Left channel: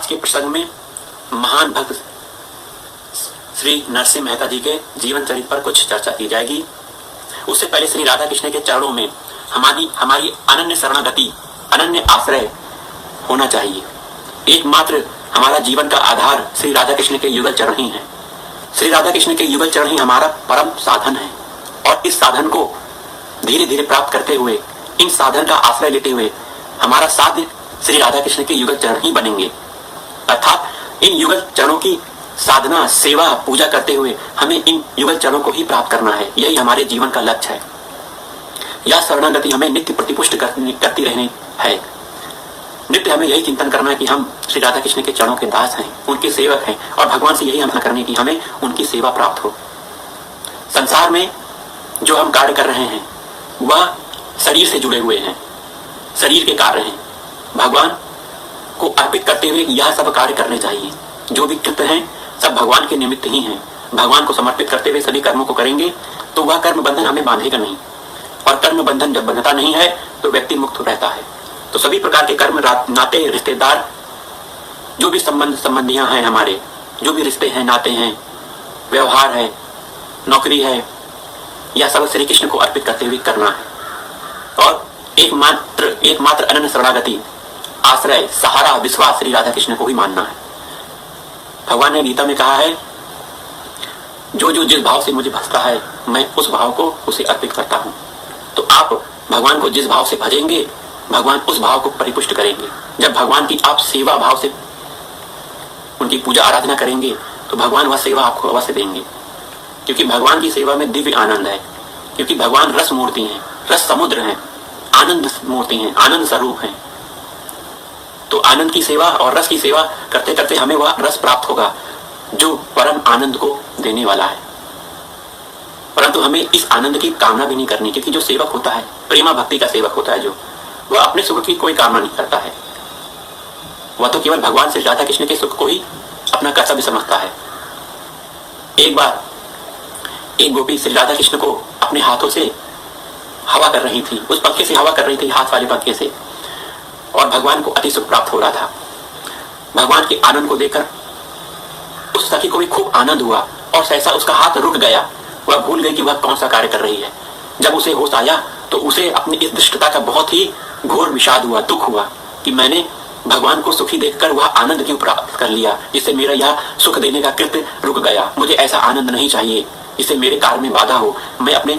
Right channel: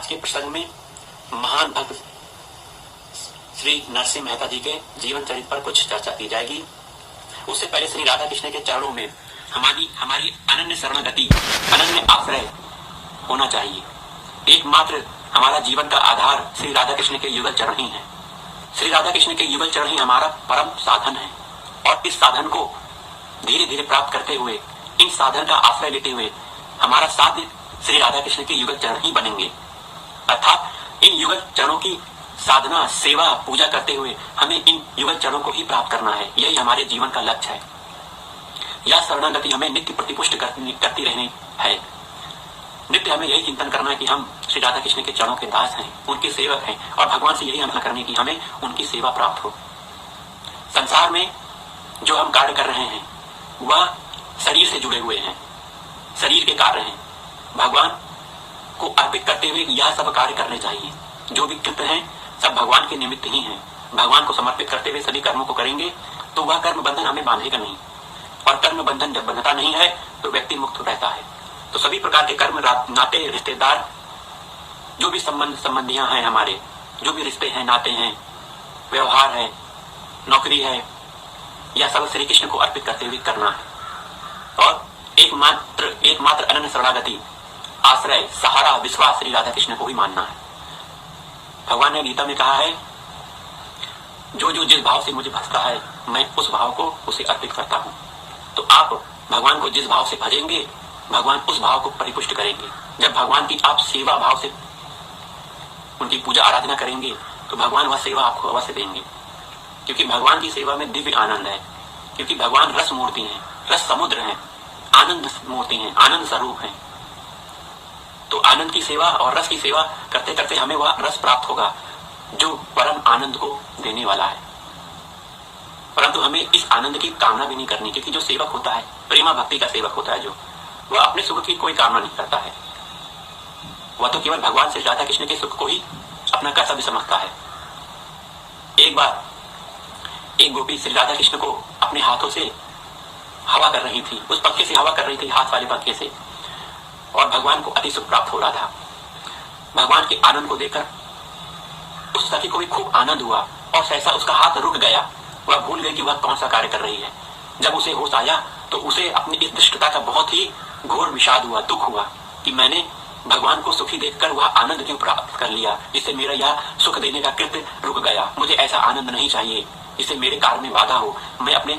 आज के प्रसंग में महान भक्त श्री नरसिंह मेहता जी के जीवन चरित्र पर कुछ चर्चा की जाएगी। उससे पहले श्री राधा कृष्ण के चरणों में हमारी अनन्य शरणागति, अनन्य आश्रय होना चाहिए। एकमात्र हमारा जीवन का आधार श्री राधा कृष्ण के युगल चरण ही है। श्री राधा कृष्ण के युगल चरण ही हमारा परम साधन है और इस साधन को धीरे धीरे प्राप्त करते हुए, इन साधन का आश्रय लेते हुए हमारा साध्य श्री राधा कृष्ण के युगल चरण ही बनेंगे। अर्थात इन युगल चरणों की साधना, सेवा, पूजा करते हुए हमें इन युगल चरणों को ही प्राप्त करना है। यही हमारे जीवन का लक्ष्य है। यह शरणागति हमें नित्य प्रतिपुष्ट करती रहनी है। नित्य हमें यही चिंतन करना है कि हम श्री राधा कृष्ण के चरणों के दास हैं, उनके सेवक हैं और भगवान से यही आशा करनी कि हमें उनकी सेवा प्राप्त हो। संसार में जो हम कार्य कर रहे हैं वह शरीर से जुड़े हुए हैं, शरीर के कार्य हैं। भगवान को अर्पित करते हुए यह सब कार्य करने चाहिए। जो भी कृत्य हैं सब भगवान के निमित्त ही हैं। भगवान को समर्पित करते हुए सभी कर्मों को करेंगे तो वह कर्म बंधन हमें बांधेगा नहीं, और कर्म बंधन जब बंधता नहीं है तो व्यक्ति मुक्त रहता है। तो सभी प्रकार के कर्म, नाते, रिश्तेदार, जो भी संबंधियां हैं, हमारे जो भी रिश्ते हैं, नाते हैं, व्यवहार है, नौकरी है, यह सब श्री कृष्ण को अर्पित करते हुए करना है। और एकमात्र अनन्य शरणागति, आश्रय, सहारा, विश्वास श्री राधा कृष्ण को ही मानना है। भगवान ने गीता में कहा है, जो जो जिस भाव से मुझे भजता है मैं उस भाव को उसे अर्पित करता हूं। तो आप भगवान को जिस भाव से भजेंगे भगवान उस भाव को परिपुष्ट करेंगे। जब भगवान की आप सेवा भाव से उनकी पूजा आराधना करेंगे तो भगवान वह सेवा आपको अवश्य देंगे, क्योंकि भगवान की सेवा में दिव्य आनंद है। क्योंकि भगवान रस मूर्ति हैं, रस समुद्र हैं, आनंद मूर्ति हैं, आनंद स्वरूप हैं। तो आनंद की सेवा और रस की सेवा करते करते हमें वह रस प्राप्त होगा जो परम आनंद को देने वाला है। परंतु हमें इस आनंद की कामना भी नहीं करनी, क्योंकि जो सेवक होता है, प्रेमा भक्ति का सेवक होता है, जो वह अपने सुख की कोई कामना नहीं करता है। वह तो केवल भगवान श्री राधा कृष्ण के सुख को ही अपना कर्तव्य समझता है। एक बार एक गोपी श्री राधा कृष्ण को अपने हाथों से हवा कर रही थी, उस पंखे से हवा कर रही थी, हाथ वाले पंखे से, और भगवान को अति सुख प्राप्त हो रहा था। भगवान के आनंद को देखकर उस सखी को भी खूब आनंद हुआ और सहसा उसका हाथ रुक गया। वह भूल गई कि वह कौन सा कार्य कर रही है। जब उसे होश आया तो उसे अपनी इस दुष्टता का बहुत ही घोर विषाद हुआ, दुख हुआ कि मैंने भगवान को सुखी देखकर वह आनंद क्यों प्राप्त कर लिया, इससे मेरा यह सुख देने का कृत्य रुक गया। मुझे ऐसा आनंद नहीं चाहिए, इससे मेरे कार्य में बाधा हो। मैं अपने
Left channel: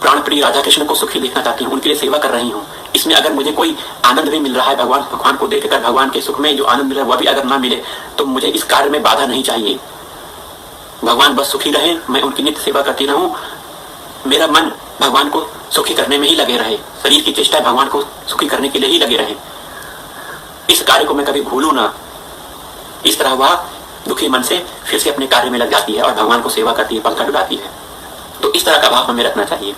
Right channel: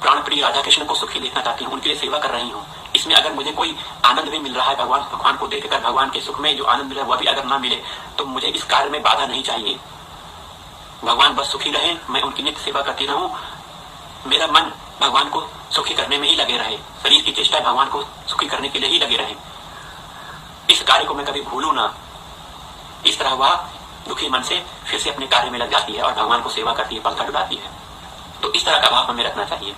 प्राण प्रिय राधा कृष्ण को सुखी देखना चाहती हूँ, उनके लिए सेवा कर रही हूँ। इसमें अगर मुझे कोई आनंद नहीं मिल रहा है, भगवान को देखकर भगवान के सुख में जो आनंद मिल रहा है वह भी अगर ना मिले तो मुझे इस कार्य में बाधा नहीं चाहिए। भगवान बस सुखी रहे, मैं उनकी नित्य सेवा करती रहूं, मेरा मन भगवान को सुखी करने में ही लगे रहे, शरीर की चेष्टा भगवान को सुखी करने के लिए ही लगे रहे, इस कार्य को मैं कभी भूलूं ना। इस तरह वह दुखी मन से फिर से अपने कार्य में लग जाती है और भगवान को सेवा करती है, पंखा डुलाती है। तो इस तरह का भाव हमें रखना चाहिए।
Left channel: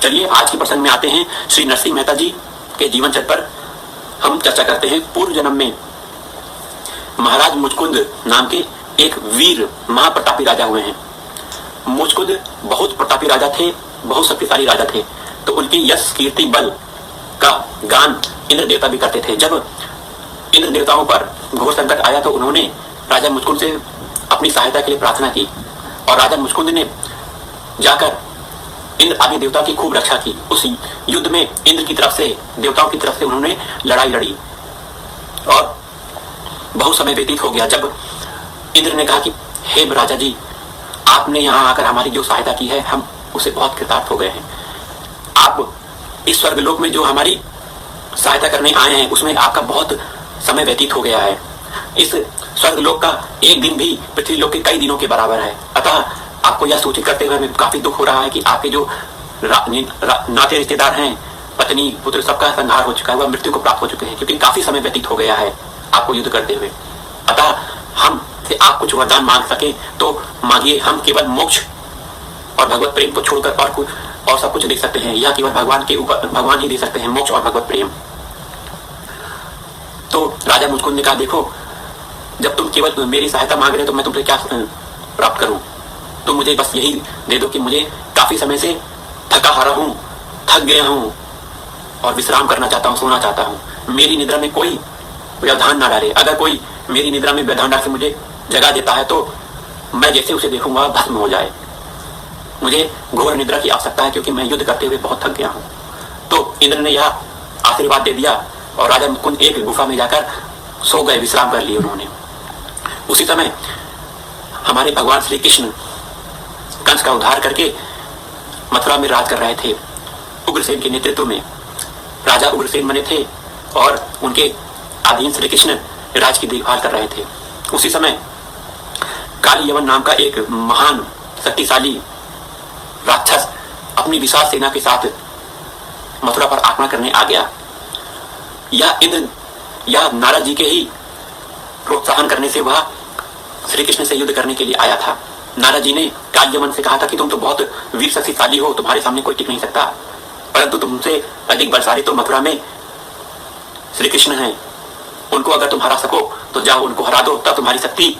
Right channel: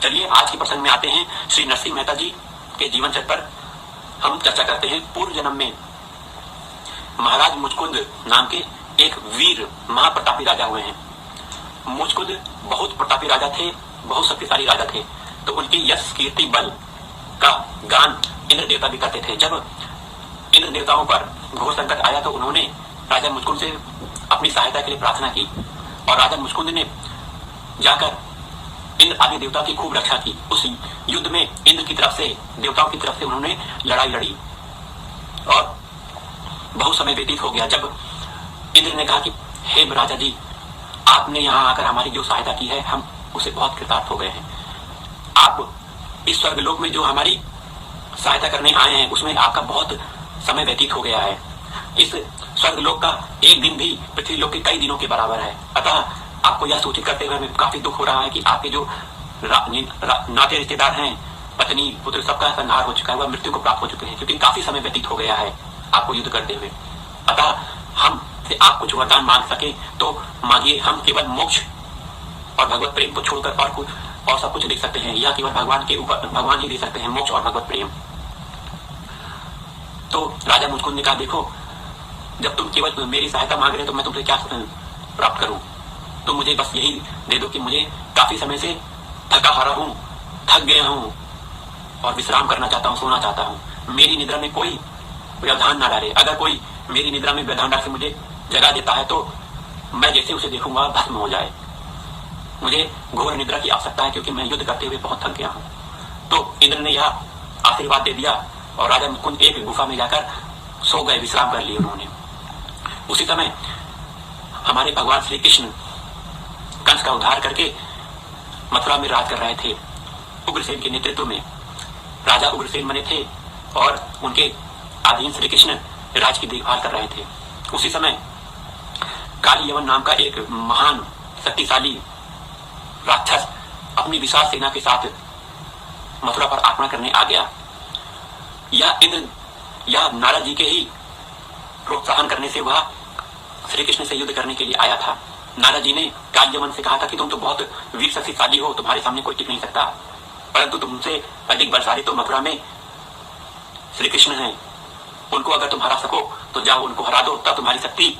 चलिए आज के प्रसंग में आते हैं। श्री नरसिंह मेहता जी के जीवन चरित्र पर हम चर्चा करते हैं। पूर्व जन्म में महाराज मुचकुंद नाम के एक वीर महाप्रतापी राजा हुए हैं। मुचकुंद बहुत प्रतापी राजा थे, बहुत शक्तिशाली राजा थे। तो उनकी यश, कीर्ति, बल का गान इंद्र देवता भी करते थे। जब इंद्र देवताओं पर घोर संकट आया तो उन्होंने राजा मुचकुंद से अपनी सहायता के लिए प्रार्थना की और राजा मुचकुंद ने जाकर इंद्र आदि देवताओं की खूब रक्षा की। उस युद्ध में इंद्र की तरफ से, देवताओं की तरफ से उन्होंने लड़ाई लड़ी और बहुत समय व्यतीत हो गया। जब इंद्र ने कहा कि हे राजा जी, आपने यहाँ आकर हमारी जो सहायता की है हम उसे बहुत कृतार्थ हो गए हैं। आप इस स्वर्गलोक में जो हमारी सहायता करने आए हैं उसमें आपका बहुत समय व्यतीत हो गया है। इस स्वर्गलोक का एक दिन भी पृथ्वी लोक के कई दिनों के बराबर है। अतः आपको यह सूचित करते हुए हमें काफी दुख हो रहा है कि आपके जो नाते रिश्तेदार हैं, पत्नी, पुत्र, सबका संहार हो चुका है, वह मृत्यु को प्राप्त हो चुके हैं, क्योंकि काफी समय व्यतीत हो गया है आपको युद्ध करते हुए। अतः हम से आप कुछ वरदान मांग सके तो मांगिए। हम केवल मोक्ष और भगवत प्रेम को छोड़कर और सब कुछ दे सकते हैं। यह केवल भगवान के ऊपर भगवान ही दे सकते हैं, मोक्ष और भगवत प्रेम। तो राजा मुचकुंद ने कहा, देखो जब तुम केवल मेरी सहायता मांग रहे हो तो मैं तुमसे क्या प्राप्त करूं? तो मुझे बस यही दे दो कि मुझे काफी समय से थका हारा हूं, थक गया हूं और विश्राम करना चाहता हूं, सोना चाहता हूं। मेरी निद्रा में कोई व्यवधान ना डाले। अगर कोई मेरी निद्रा में व्यवधान डाल के मुझे जगा देता है तो मैं जैसे उसे देखूंगा भस्म हो जाए। मुझे घोर निद्रा की आवश्यकता है क्योंकि मैं युद्ध करते हुए बहुत थक गया हूँ। तो इंद्र ने यह आशीर्वाद दे दिया और राजा मुकुंद एक गुफा में जाकर सो गए, विश्राम कर लिए उन्होंने। उसी समय हमारे भगवान श्री कृष्ण कंस का उद्धार करके मथुरा में राज कर रहे थे। उग्रसेन के नेतृत्व में राजा उग्रसेन बने थे और उनके अधीन श्री कृष्ण राज की देखभाल कर रहे थे। उसी समय काली यवन नाम का एक महान शक्तिशाली राक्षस अपनी विशाल सेना के साथ मथुरा पर आक्रमण करने आ गया। यह नारद जी के ही प्रोत्साहन करने से वह श्री कृष्ण से युद्ध करने के लिए आया था। नारद जी ने काली यवन से कहा था कि तुम तो बहुत वीर शक्तिशाली हो, तुम्हारे सामने कोई टिक नहीं सकता, परंतु तुमसे अधिक बलशाली तो मथुरा में श्री कृष्ण हैं। उनको अगर तुम हरा सको तो जाओ उनको हरा दो, तब तुम्हारी शक्ति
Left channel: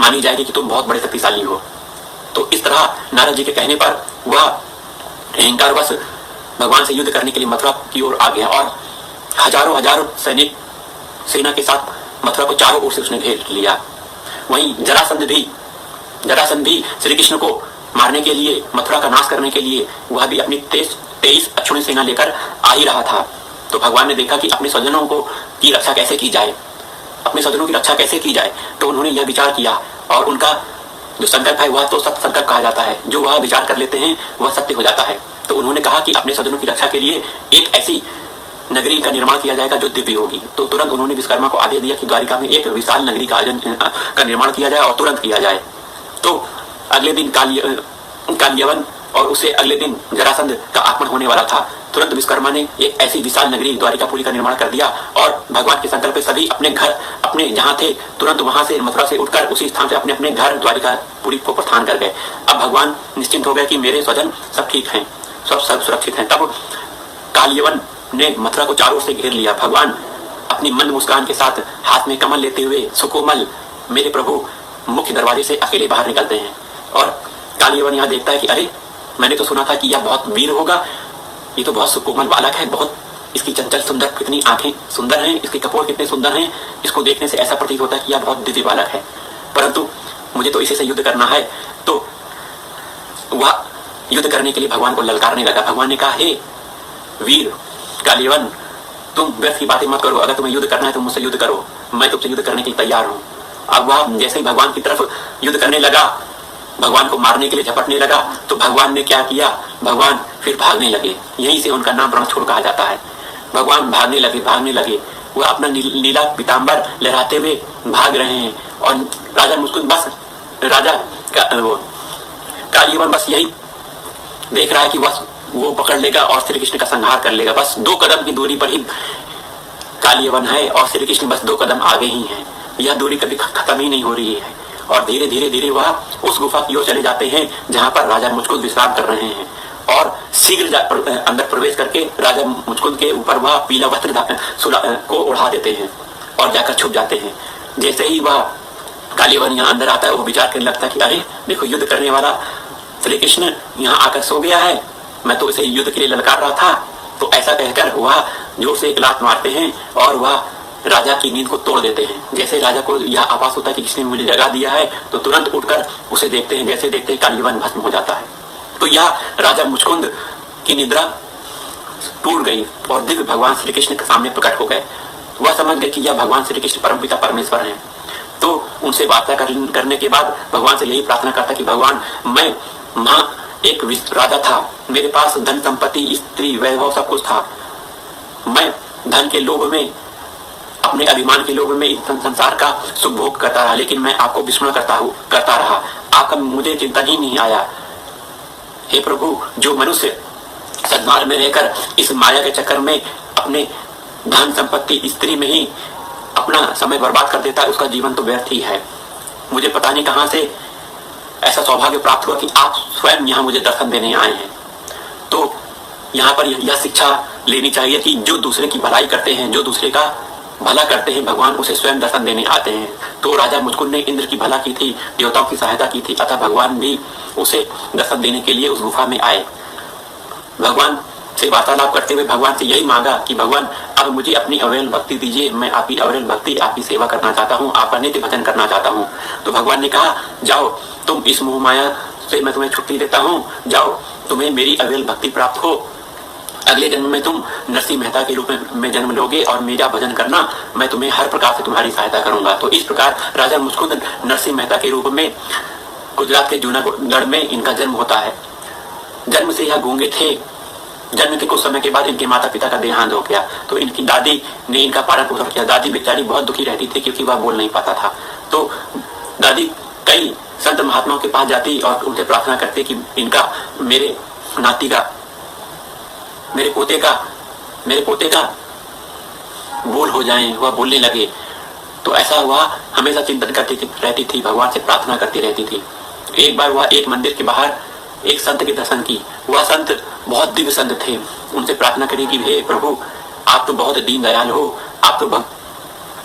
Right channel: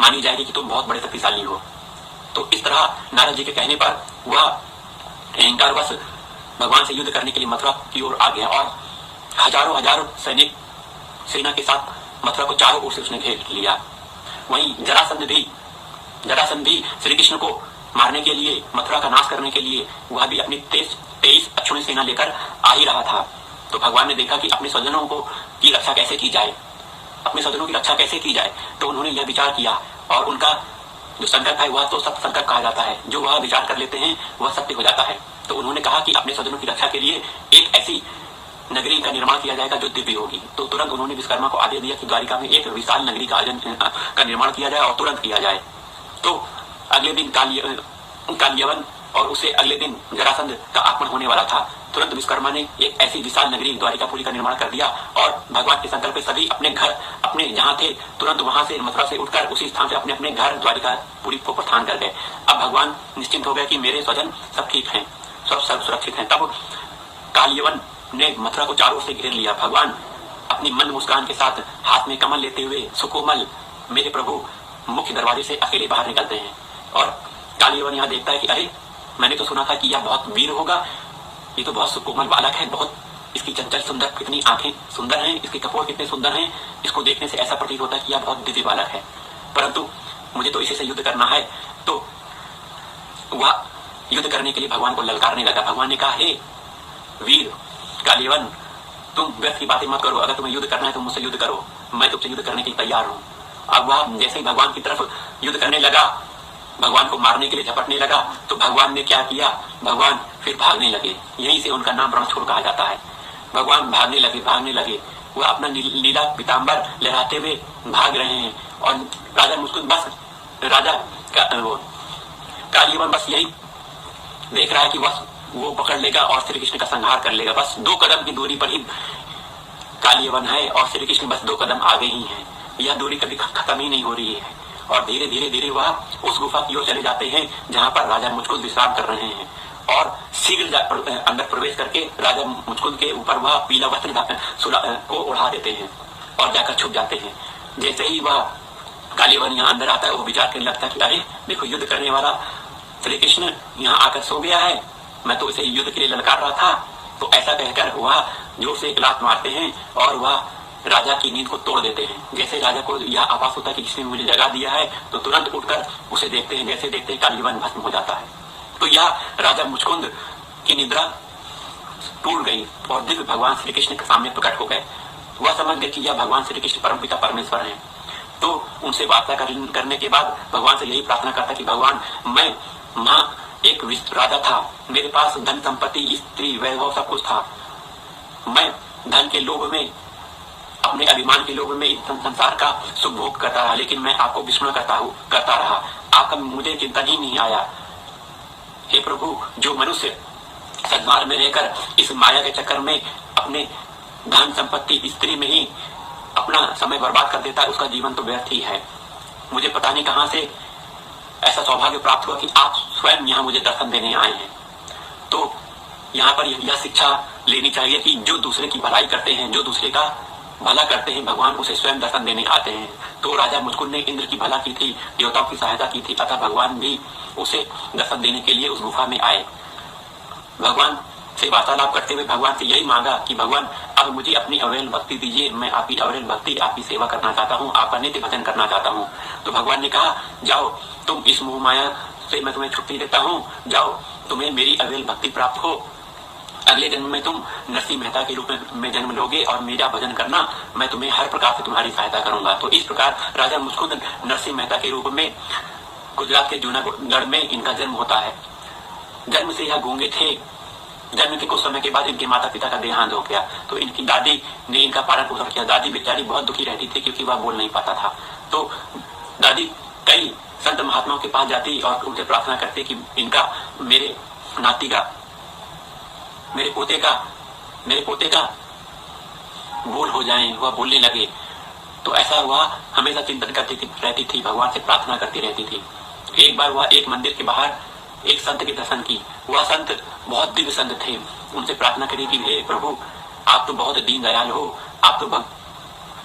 मानी जाएगी कि तुम बहुत बड़े शक्तिशाली हो। तो इस तरह नारद जी के कहने पर वह अहंकारवश भगवान से युद्ध करने के लिए मथुरा की ओर आ गया और हजारों सैनिक सेना के साथ मथुरा को चारों ओर से उसने घेर लिया। वहीं जरासंध भी श्री कृष्ण को मारने के लिए, मथुरा का नाश करने के लिए वह भी अपनी 23 अक्षुणी सेना लेकर आ ही रहा था। तो भगवान ने देखा कि अपने स्वजनों की रक्षा कैसे की जाए, तो उन्होंने यह विचार किया और उनका जो संकल्प है वह तो सत्य संकल्प कहा जाता है। जो वह विचार कर लेते हैं वह सत्य हो जाता है। तो उन्होंने कहा कि अपने स्वजनों की रक्षा के लिए एक ऐसी नगरी का निर्माण किया जाएगा जो दिव्य होगी। तो तुरंत उन्होंने विश्वकर्मा को आदेश दिया कि द्वारिका में एक विशाल नगरी का निर्माण किया जाए और तुरंत किया जाए। तो अगले दिन कालियवन और उससे अगले दिन जरासंध का आक्रमण होने वाला था। तुरंत विश्वकर्मा ने एक ऐसी विशाल नगरी द्वारिकापुरी का निर्माण कर दिया और भगवान के संकल्प पे सभी अपने जहाँ थे तुरंत वहां से मथुरा से उठकर उसी स्थान से अपने घर द्वारिकापुरी को प्रस्थान कर गए। अब भगवान निश्चिंत हो गए कि मेरे स्वजन सब ठीक हैं, सब सुरक्षित हैं। तब कालियवन ने मथुरा को चारों ओर से घेर लिया। भगवान अपनी मंद मुस्कान के साथ हाथ में कमल लेते हुए सुकोमल मेरे प्रभु मुख्य दरवाजे से अकेले बाहर निकलते हैं और कालियवन यहाँ देखता है कि अरे, मैंने तो सुना था कि यह बहुत वीर होगा, ये तो बहुत सुकोमल बालक है, बहुत इसकी चंचल सुंदर, कितनी आंखें सुंदर हैं, इसके कपोल कितने सुंदर हैं, इसको देखने से ऐसा प्रतीत होता है कि यह बहुत दिव्य बालक है, परंतु मुझे तो इसी से युद्ध करना है। तो वह युद्ध करने के लिए भगवान को ललकारने लगा। भगवान ने कहा, हे वीर कालियवन, तुम व्यर्थ की बातें मत करो, अगर तुम्हें युद्ध करना है तो मुझसे युद्ध करो, मैं तुमसे युद्ध करने के लिए तैयार हूँ। अब वह जैसे ही भगवान की तरफ युद्ध करने लगा, भगवान को मारने के लिए झपटने लगा, तो भगवान ने क्या किया, भगवान फिर भागने लगे। यहीं से उनका नाम रणछोड़ कहा जाता है। भगवान भागने लगे, वह अपना नीला पीताम्बर लहराते हुए भाग रहे हैं और राजा मुस्कुन बस कालियवन बस यही देख रहा है कि वो पकड़ लेगा और श्री कृष्ण का संहार कर लेगा। बस 2 कदम की दूरी पर ही कालियवन है और श्री कृष्ण बस 2 कदम आगे ही है। यह दूरी कभी खत्म ही नहीं हो रही है और धीरे धीरे वह उस गुफा की ओर चले जाते हैं जहां पर राजा मुचकुंद विश्राम कर रहे हैं और शीघ्र अंदर प्रवेश करके राजा मुचकुंद के ऊपर वह पीला वस्त्र को उड़ा देते हैं और जाकर छुप जाते हैं। जैसे ही वह कालियवन यहाँ अंदर आता है, वो विचार करने लगता है कि अरे देखो, युद्ध करने वाला श्री कृष्ण यहाँ आकर सो गया है, मैं तो इसे युद्ध के लिए ललकार रहा था। तो ऐसा कहकर वह जोर से एक लात मारते हैं और वह राजा की नींद को तोड़ देते हैं। जैसे राजा को यह आभास होता है कि किसने मुझे जगा दिया है, तो तुरंत उठकर उसे देखते हैं। जैसे देखते ही कालियवन भस्म हो जाता है। तो यह राजा मुचकुंद की निद्रा टूट गई और दिव्य भगवान श्री कृष्ण के सामने प्रकट हो गए। वह समझ गए कि यह भगवान श्री कृष्ण परमपिता परमेश्वर हैं। तो उनसे वार्ता करने के बाद भगवान से यही प्रार्थना करता कि भगवान, मैं एक राजा था, मेरे पास धन संपत्ति, स्त्री, वैभव सब कुछ था। मैं धन के लोभ में, अपने अभिमान के लोभ में इस संसार का सुख भोग करता रहा, लेकिन मैं आपको विस्मरण करता रहा। आपका मुझे चिंतन ही नहीं आया। हे प्रभु, जो मनुष्य सद्मार्ग में रहकर इस माया के चक्कर में अपने धन संपत्ति, स्त्री में ही अपना समय बर्बाद कर देता है, उसका जीवन तो व्यर्थ ही है। मुझे पता नहीं कहां से ऐसा सौभाग्य प्राप्त हुआ कि आप स्वयं यहाँ मुझे दर्शन देने आए हैं। तो यहाँ पर यह शिक्षा लेनी चाहिए कि जो दूसरे की भलाई करते हैं, जो दूसरे का भला करते हैं, भगवान उसे स्वयं दर्शन देने आते हैं। तो राजा मुचकुंद ने इंद्र की भला की थी, देवताओं की सहायता की थी, अतः भगवान भी उसे दर्शन देने के लिए उस गुफा में आए। भगवान से वार्तालाप करते हुए भगवान से यही मांगा कि भगवान, अब मुझे अपनी अविरल भक्ति दीजिए, मैं आपकी अविरल भक्ति, आपकी सेवा करना चाहता हूँ, आपका नित्य भजन करना चाहता हूँ। तो भगवान ने कहा, जाओ, तुम इस मोह माया से मैं तुम्हें छुट्टी देता हूँ, जाओ, तुम्हें मेरी अविरल भक्ति प्राप्त हो, अगले जन्म में तुम नरसिंह मेहता के रूप में जन्म लोगे और मेरा भजन करना, मैं तुम्हें हर प्रकार से तुम्हारी सहायता करूंगा। तो इस प्रकार राजा मुस्कुंद नरसिंह मेहता के रूप में गुजरात के जूनागढ़ में इनका जन्म होता है। जन्म से यह गूंगे थे। जन्म के कुछ समय के बाद इनके माता पिता का देहांत हो गया, तो इनकी दादी ने इनका पालन पोषण किया। दादी बेचारी बहुत दुखी रहती थी क्योंकि वह बोल नहीं पाता था। तो दादी कई संत महात्माओं के पास जाती और उनसे प्रार्थना करती कि इनका, मेरे नाती का, मेरे पोते का बोल हो जाए, वह बोलने लगे। तो ऐसा वह हमेशा चिंतन करती रहती थी, भगवान से प्रार्थना करती रहती थी। एक बार वह एक मंदिर के बाहर एक संत के दर्शन की। वह संत बहुत दिव्य संत थे। उनसे प्रार्थना करी कि हे प्रभु, आप तो बहुत दीन दयाल हो, आप तो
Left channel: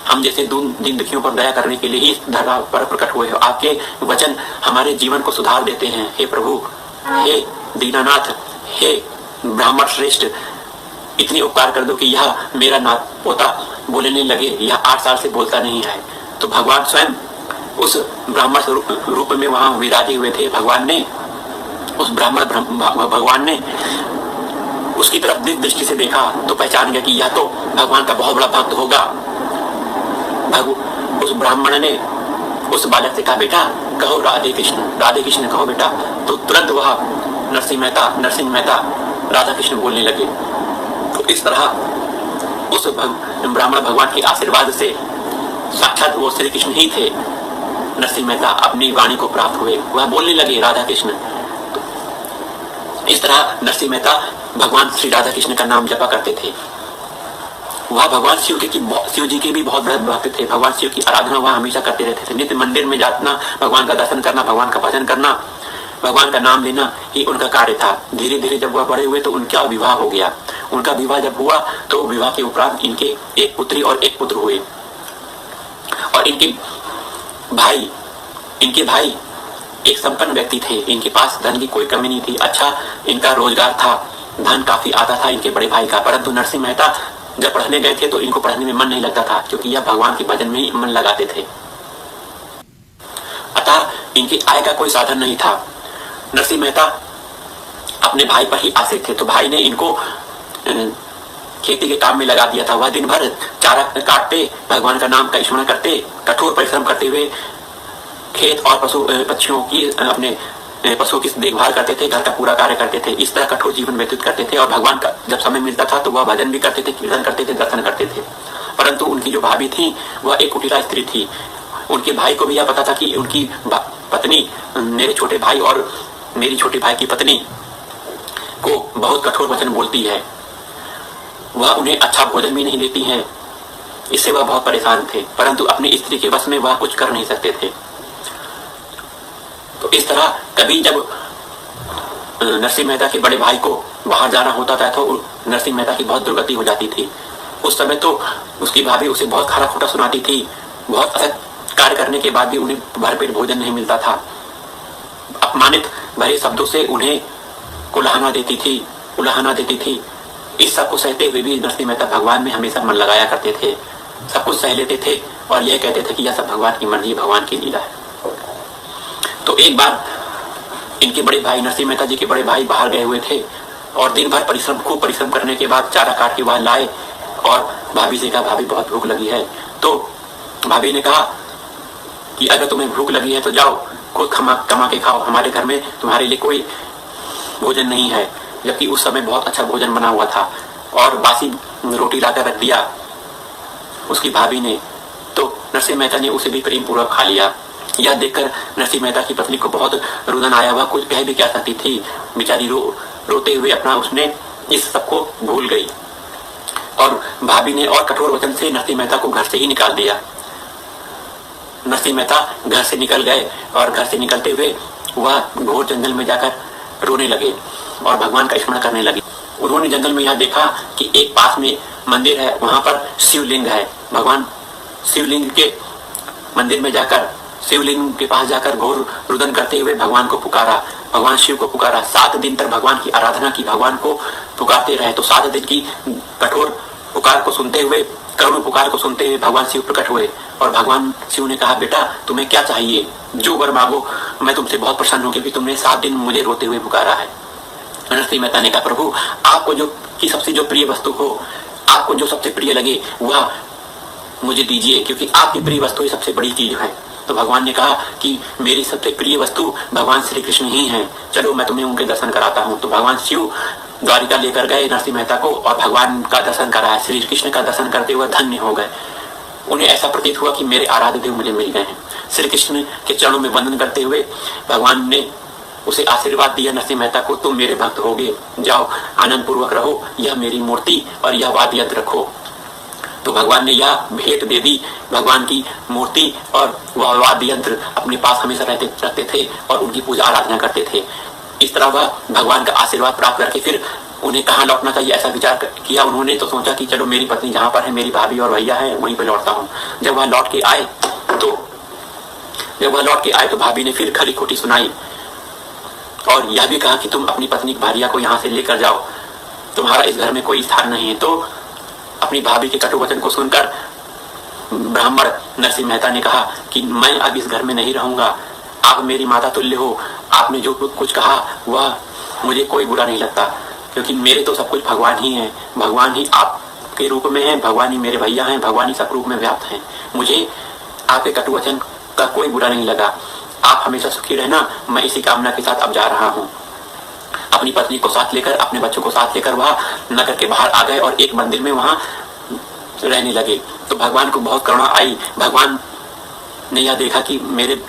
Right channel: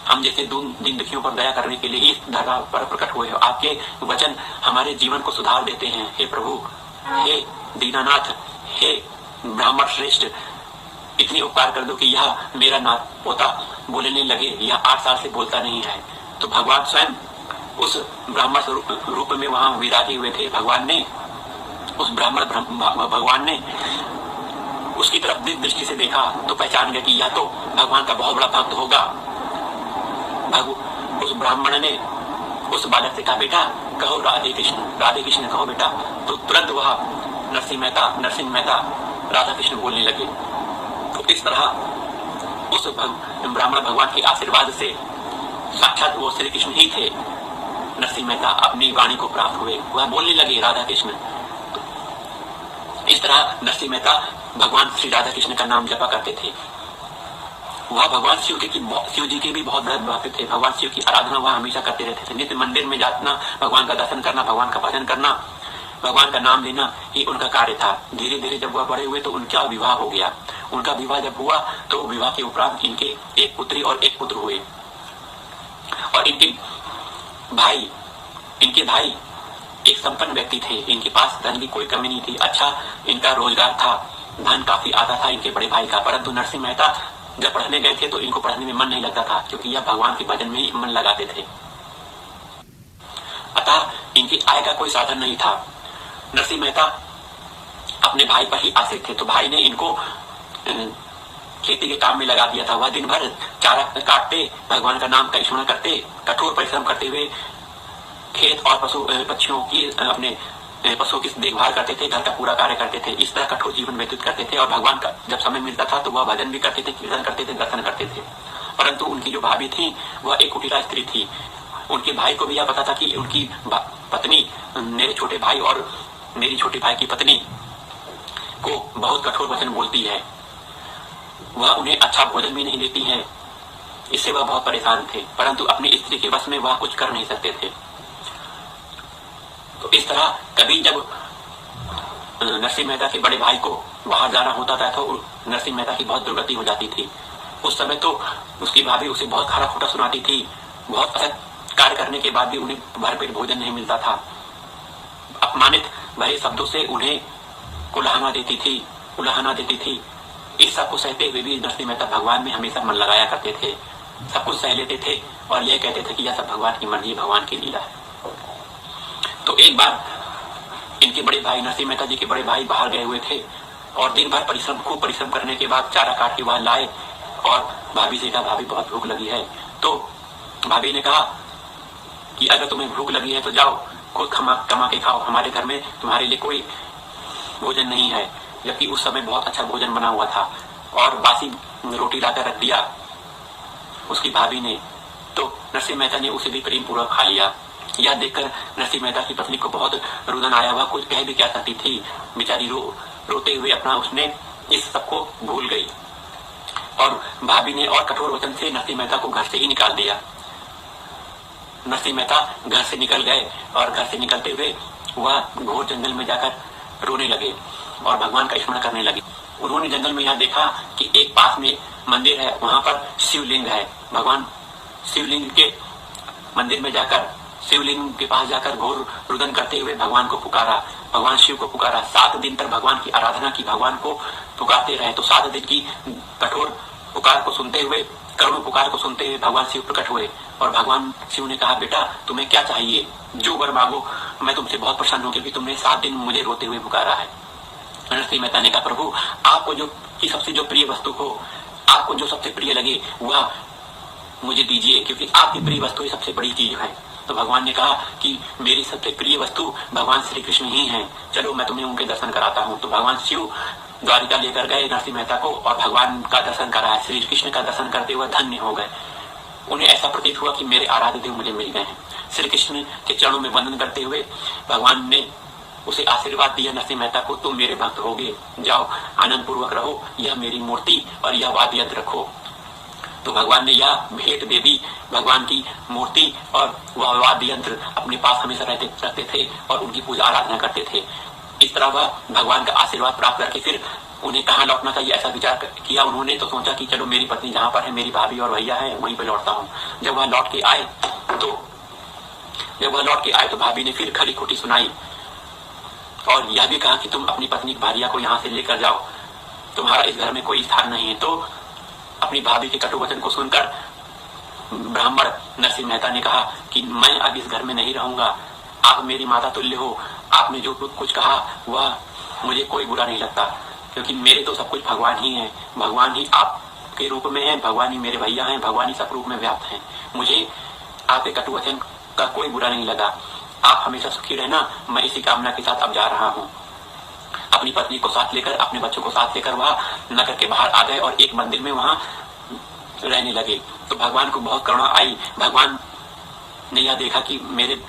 हम जैसे दीन दुखियों पर दया करने के लिए ही इस धरा पर प्रकट हुए हो। आपके वचन हमारे जीवन को सुधार देते हैं। हे प्रभु, हे दीनानाथ, हे ब्राह्मण श्रेष्ठ, इतनी उपकार कर दो कि यह मेरा नाथ पोता बोलने लगे। यह 8 साल से बोलता नहीं है। तो भगवान स्वयं उस ब्राह्मण रूप में वहां विराजे हुए थे। भगवान ने उसकी तरफ दृष्टि से देखा तो पहचान गया कि यह तो भगवान का बहुत बड़ा भक्त होगा। उस ब्राह्मण ने उस बालक से कहा, बेटा कहो राधे कृष्ण कहो बेटा। तो तुरंत वह नरसिंह मेहता राधा कृष्ण बोलने लगे। तो इस तरह उस ब्राह्मण भगवान के आशीर्वाद से साक्षात वो श्री कृष्ण ही थे। नरसिंह मेहता अपनी वाणी को प्राप्त हुए, वह बोलने लगे राधा कृष्ण। तो इस तरह नरसिंह मेहता भगवान श्री राधा कृष्ण का नाम जपा करते थे। वह भगवान शिव जी के भी बहुत बड़े भक्त थे। भगवान शिव की आराधना वह हमेशा करते रहते थे। नित्य मंदिर में जाना, भगवान का दर्शन करना, भगवान का भजन करना, भगवान का नाम लेना ही उनका कार्य था। धीरे धीरे जब वह बड़े हुए तो उनका विवाह हो गया। उनका विवाह जब हुआ तो विवाह के उपरांत इनके एक पुत्री और एक पुत्र हुए। और इनके भाई एक संपन्न व्यक्ति थे। इनके पास धन की कोई कमी नहीं थी। अच्छा इनका रोजगार था, धन काफी आता था इनके बड़े भाई का। परंतु नरसिंह मेहता जब पढ़ने गए थे तो इनको पढ़ने में मन नहीं लगता था, क्योंकि यह भगवान के भजन में ही मन लगाते थे। अतः इनकी आय का कोई साधन नहीं था। नरसिंह मेहता अपने भाई पर ही आश्रित थे। तो भाई ने इनको खेती के काम में लगा दिया था। वह दिन भर चारा काटते, भगवान का नाम का स्मरण करते, कठोर परिश्रम करते हुए खेत और पक्षियों की, अपने पशुओं की देखभाल करते थे, घर का पूरा कार्य करते थे। इस तरह कठोर जीवन व्यतीत करते थे। और भगवान का जब समय मिलता था तो वह भजन भी करते थे, कीर्तन करते थे, दर्शन करते थे। परंतु उनकी जो भाभी थी वह एक कुटिला स्त्री थी। उनके भाई को भी यह पता था कि उनकी पत्नी, मेरे छोटे भाई और मेरी छोटे भाई की पत्नी को बहुत कठोर वचन बोलती है, वह उन्हें अच्छा भोजन भी नहीं देती है। इससे वह बहुत परेशान थे। परंतु अपनी स्त्री के वश में वह कुछ कर नहीं सकते थे। तो इस तरह कभी जब नरसिंह मेहता के बड़े भाई को बाहर जाना होता था तो नरसिंह मेहता की बहुत दुर्गति हो जाती थी। उस समय तो उसकी भाभी उसे बहुत खरा खोटा सुनाती थी। बहुत असत कार्य करने के बाद भी उन्हें भरपेट भोजन नहीं मिलता था। अपमानित भरे शब्दों से उन्हें उलाहना देती थी। इस सब को सहते हुए भी नरसिंह मेहता भगवान में हमेशा मन लगाया करते थे। सब कुछ सह लेते थे और यह कहते थे कि यह सब भगवान की मर्जी, भगवान की लीला है। तो एक बार इनके बड़े भाई, नरसिंह मेहता जी के बड़े भाई बाहर गए हुए थे और दिन भर खूब परिश्रम करने के बाद चारा काट के वहां लाए और भाभी से कहा, भाभी बहुत भूख लगी है। तो भाभी ने कहा कि अगर तुम्हें भूख लगी है तो जाओ खुद कमा के खाओ, हमारे घर में तुम्हारे लिए कोई भोजन नहीं है। जबकि उस समय बहुत अच्छा भोजन बना हुआ था और बासी रोटी लाकर रख दिया उसकी भाभी ने। तो नरसिंह मेहता ने उसे भी प्रेम पूर्वक खा लिया। यह देखकर नरसिंह मेहता की पत्नी को बहुत रुदन आया। वह कुछ कह भी क्या सकती थी। बेचारी रोते हुए अपना उसने इस सबको भूल गई और भाभी ने और कठोर वचन से नरसिंह मेहता को घर से ही निकाल दिया। नरसिंह मेहता घर से निकल गए और घर से निकलते हुए वह घोर जंगल में जाकर रोने लगे और भगवान का स्मरण करने लगे। उन्होंने जंगल में यह देखा कि एक पास में मंदिर है, वहां पर शिवलिंग है। भगवान शिवलिंग के मंदिर में जाकर, शिवलिंग के पास जाकर घोर रुदन करते हुए भगवान को पुकारा, भगवान शिव को पुकारा। 7 दिन तक भगवान की आराधना की, भगवान को पुकारते रहे। तो 7 दिन की कठोर पुकार को सुनते हुए, करुण पुकार को सुनते हुए भगवान शिव प्रकट हुए और भगवान शिव ने कहा, बेटा तुम्हें क्या चाहिए, जो वर मांगो, मैं तुमसे बहुत प्रसन्न हूं क्योंकि तुमने 7 दिन मुझे रोते हुए पुकारा है। नरसिंह मेहता ने कहा, प्रभु आपको जो की सबसे जो प्रिय वस्तु हो, आपको जो सबसे प्रिय लगे वह मुझे दीजिए, क्योंकि आपकी प्रिय वस्तु ही सबसे बड़ी चीज है। तो भगवान ने कहा कि मेरी सबसे प्रिय वस्तु भगवान श्री कृष्ण ही हैं, चलो मैं तुम्हें उनके दर्शन कराता हूँ। तो भगवान शिव द्वारिका लेकर गए नरसिंह मेहता को और भगवान का दर्शन कराया। श्री कृष्ण का दर्शन करते हुए धन्य हो गए। उन्हें ऐसा प्रतीत हुआ कि मेरे आराध्य देव मुझे मिल गए हैं। श्री कृष्ण के चरणों में वंदन करते हुए भगवान ने उसे आशीर्वाद दिया, नरसिंह मेहता को, तुम मेरे भक्त होगे, जाओ आनंद पूर्वक रहो, यह मेरी मूर्ति और यह वाद्य यंत्र रखो। तो भगवान ने यह भेंट दे दी। भगवान की मूर्ति और वह वाद्य यंत्र अपने पास हमेशा रखते थे और उनकी पूजा आराधना करते थे। इस तरह वह भगवान का आशीर्वाद प्राप्त करके फिर उन्हें कहाँ लौटना चाहिए ऐसा विचार किया उन्होंने। तो सोचा कि चलो मेरी पत्नी जहाँ पर है, मेरी भाभी और भैया है, वहीं पर लौटता हूँ। जब वह लौट के आए तो भाभी ने फिर खरी खोटी सुनाई और यह भी कहा कि तुम अपनी पत्नी भारिया को यहाँ से लेकर जाओ, तुम्हारा इस घर में कोई स्थान नहीं है। तो अपनी भाभी के कटु वचन को सुनकर ब्राह्मण नरसिंह मेहता ने कहा कि मैं अब इस घर में नहीं रहूंगा, आप मेरी माता तुल्य हो, आपने जो कुछ कहा वह मुझे कोई बुरा नहीं लगता, क्योंकि मेरे तो सब कुछ भगवान ही है, भगवान ही आपके रूप में है, भगवान ही मेरे भैया हैं, भगवान ही सब रूप में व्याप्त हैं। मुझे आपके कटु वचन का कोई बुरा नहीं लगा, आप हमेशा सुखी रहना, मैं इसी कामना के साथ अब जा रहा हूँ। अपनी पत्नी को साथ लेकर, अपने बच्चों को साथ लेकर वह नगर के बाहर आ गए और एक मंदिर में वहां रहने लगे। तो भगवान को बहुत करुणा आई। भगवान ने यह देखा कि मेरे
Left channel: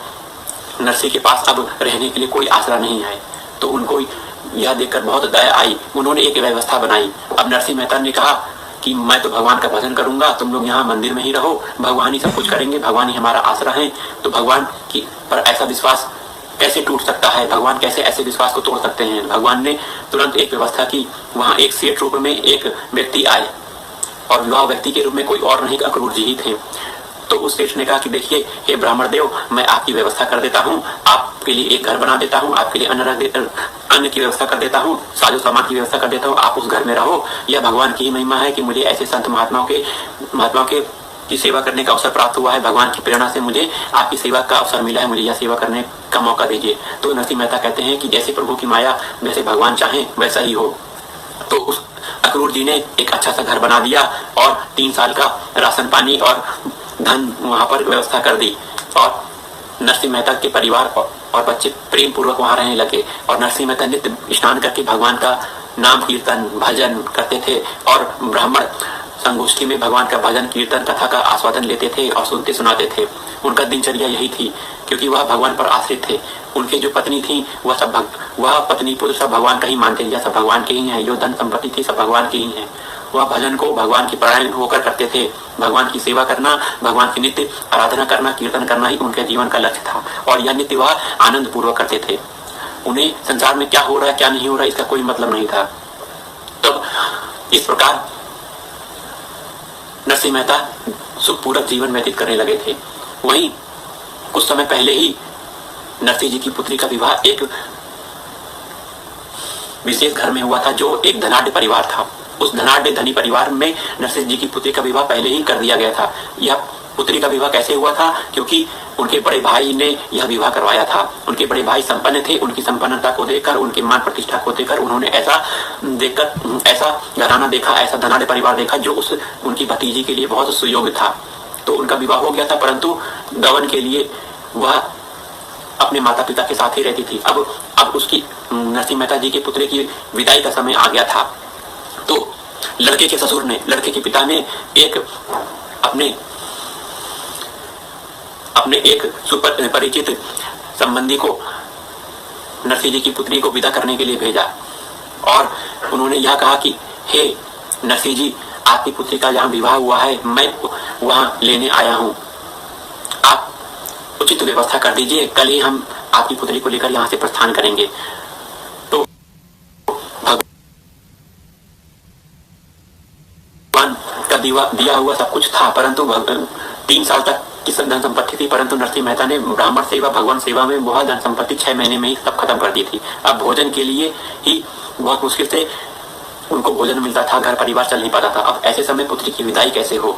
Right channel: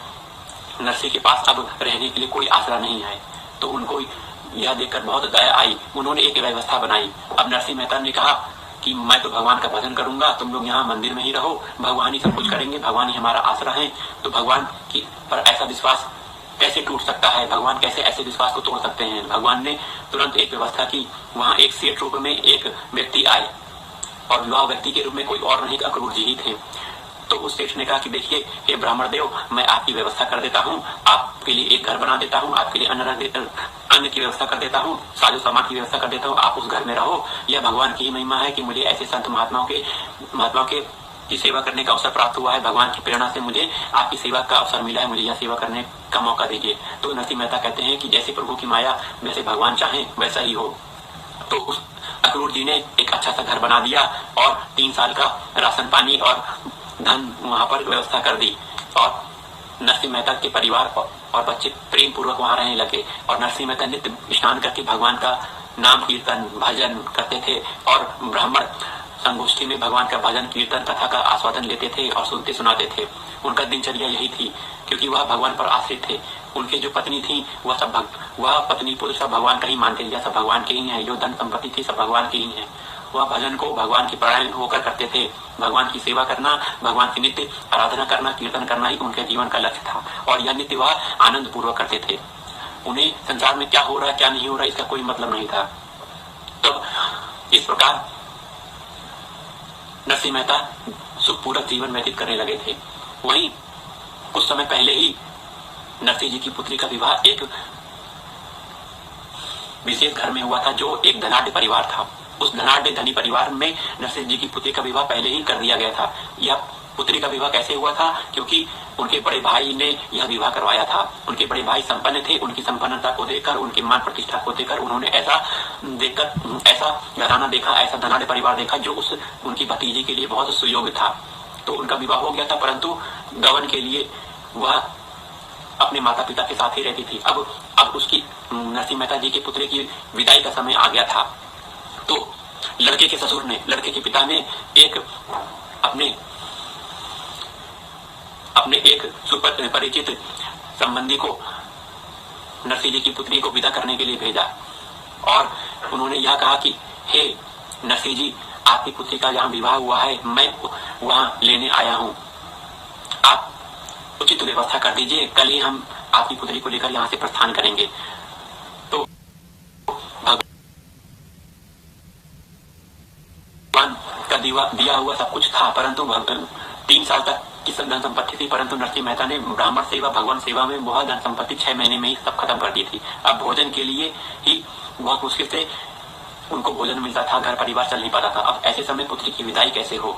नरसिंह के पास अब रहने के लिए कोई आसरा नहीं है, तो उनको यह देखकर बहुत दया आई। उन्होंने एक व्यवस्था बनाई। अब नरसिंह मेहता ने कहा कि मैं तो भगवान का भजन करूंगा, तुम लोग यहाँ मंदिर में ही रहो, भगवान ही सब कुछ करेंगे, भगवान ही हमारा आसरा है। तो भगवान की पर ऐसा विश्वास कैसे टूट सकता है, भगवान कैसे ऐसे विश्वास को तोड़ सकते हैं। भगवान ने तुरंत एक व्यवस्था की। वहां एक सेठ रूप में एक व्यक्ति आए और वह व्यक्ति के रूप में कोई और नहीं अक्रूर जी ही थे। तो उस सेठ ने कहा कि देखिए हे ब्राह्मण देव, मैं आपकी व्यवस्था कर देता हूँ, आपके लिए एक घर बना देता हूँ, आपके लिए अन्न की व्यवस्था कर देता हूँ, साजो सामान की व्यवस्था कर देता हूँ, आप उस घर में रहो। यह भगवान की महिमा है कि मुझे ऐसे संत महात्माओं के की सेवा करने का अवसर प्राप्त हुआ है। भगवान की प्रेरणा से मुझे आपकी सेवा का अवसर मिला है, मुझे यह सेवा करने का मौका दीजिए। तो नरसिंह मेहता कहते हैं कि जैसे प्रभु की माया, वैसे भगवान चाहे वैसा ही हो। तो उस अक्रूर जी ने एक अच्छा सा घर बना दिया और 3 साल का राशन पानी और धन वहां पर व्यवस्था कर दी और नरसिंह मेहता के परिवार और बच्चे प्रेम पूर्वक वहां रहने लगे। और नरसिंह मेहता नित्य स्नान करके भगवान का नाम कीर्तन भजन करते थे और ब्राह्मण संगोष्ठी में भगवान का भजन कीर्तन कथा का आस्वादन लेते थे और सुनते सुनाते थे। उनका दिनचर्या यही थी, क्योंकि वह भगवान पर आश्रित थे। उनके जो पत्नी थी वह पत्नी पुरुष सब भगवान का ही मानते थे, सब भगवान के ही है। जो धन संपत्ति थी सब भगवान की ही है। वह भजन को भगवान की परायण होकर करते थे। भगवान की सेवा करना, भगवान की नित्य आराधना करना, कीर्तन करना ही उनके जीवन का लक्ष्य था और यह नित्य वह आनंद पूर्वक करते थे। उन्हें संसार में क्या हो रहा है क्या नहीं हो रहा इसका कोई मतलब नहीं था। तब इस प्रकार नरसिंह मेहता सुखपूर्वक जीवन व्यतीत करने लगे थे। वहीं कुछ समय पहले ही नरसिंह जी की पुत्री का विवाह एक विशेष घर में हुआ था, जो एक धनाढ्य परिवार था। उस धनाढ्य धनी परिवार में नरसिंह जी की पुत्री का विवाह पहले ही कर दिया गया था। यह पुत्री का विवाह कैसे हुआ था? क्योंकि उनके बड़े भाई ने यह विवाह करवाया था। उनके बड़े भाई संपन्न थे। उनकी संपन्नता को देखकर, उनके मान प्रतिष्ठा को देखकर उन्होंने ऐसा घराना देखा, ऐसा धनाढ्य परिवार देखा जो उनकी भतीजी के लिए बहुत सुयोग्य था। तो उनका विवाह हो गया था, परंतु गवन के लिए वह अपने माता पिता के साथ ही रहती थी। अब उसकी नरसिंह मेहता जी के पुत्र की विदाई का समय आ गया था। तो लड़के के पिता ने अपने एक सुपरिचित संबंधी को नरसिंह जी की पुत्री को विदा करने के लिए भेजा और उन्होंने यह कहा कि हे नरसिंह जी, आपकी पुत्री का जहाँ विवाह हुआ है, मैं वहां लेने आया हूँ, आप उचित व्यवस्था कर दीजिए, कल ही हम आपकी पुत्री को लेकर यहाँ से प्रस्थान करेंगे। तो भगवान का दिया हुआ सब कुछ था, परंतु 3 साल तक की धन संपत्ति थी, परंतु नरसिंह मेहता ने ब्राह्मण सेवा, भगवान सेवा में बहुत धन संपत्ति 6 महीने में ही सब खत्म कर दी थी। अब भोजन के लिए ही बहुत मुश्किल से उनको भोजन मिलता था, घर परिवार चल नहीं पाता था। अब ऐसे समय पुत्री की विदाई कैसे हो,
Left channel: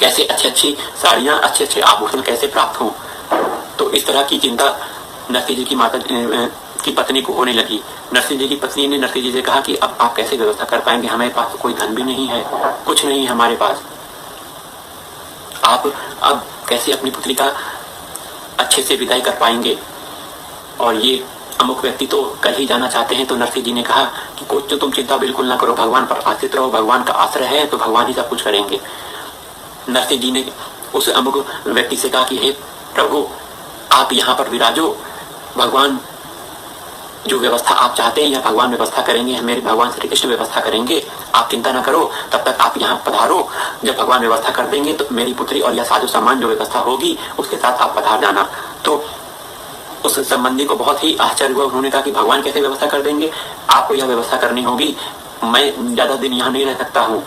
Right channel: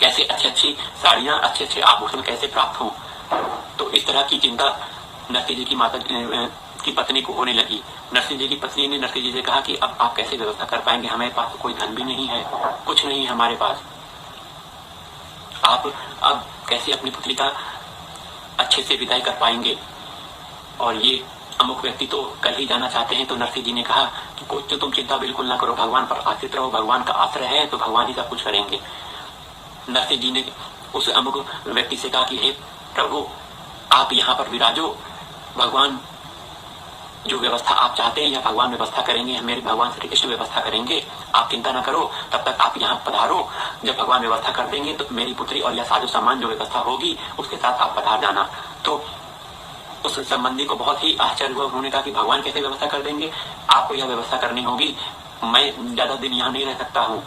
कैसे अच्छी अच्छी साड़ियां, अच्छे अच्छे आभूषण कैसे प्राप्त हो। तो इस तरह की चिंता नरसिंह जी की माता की पत्नी को होने लगी। नरसिंह जी की पत्नी ने नरसिंह जी से कहा कि अब आप कैसे व्यवस्था कर पाएंगे, हमारे पास कोई धन भी नहीं है, कुछ नहीं है हमारे पास, आप अब कैसे अपनी पुत्री का अच्छे से विदाई कर पाएंगे। और ये अमुक व्यक्ति तो कल ही जाना चाहते हैं। तो नरसिंह जी ने कहा कि कुछ तो तुम चिंता बिल्कुल ना करो, भगवान पर आश्रित रहो, भगवान का आश्रय है तो भगवान ही सब कुछ करेंगे। नरसिंह जी ने उस अमुक व्यक्ति से कहा कि हे प्रभु, आप यहाँ पर विराजो, भगवान जो व्यवस्था आप चाहते हैं या भगवान व्यवस्था करेंगे, मेरे भगवान श्री कृष्ण व्यवस्था करेंगे, आप चिंता ना करो, तब तक आप यहाँ पधारो। जब भगवान व्यवस्था कर देंगे तो मेरी पुत्री और यह साधु सामान जो व्यवस्था होगी उसके साथ आप पधार जाना। तो उस संबंधी को बहुत ही आश्चर्य हुआ। उन्होंने कहा कि भगवान कैसे व्यवस्था कर देंगे, आपको यह व्यवस्था करनी होगी, मैं ज्यादा दिन यहाँ नहीं रह सकता हूँ।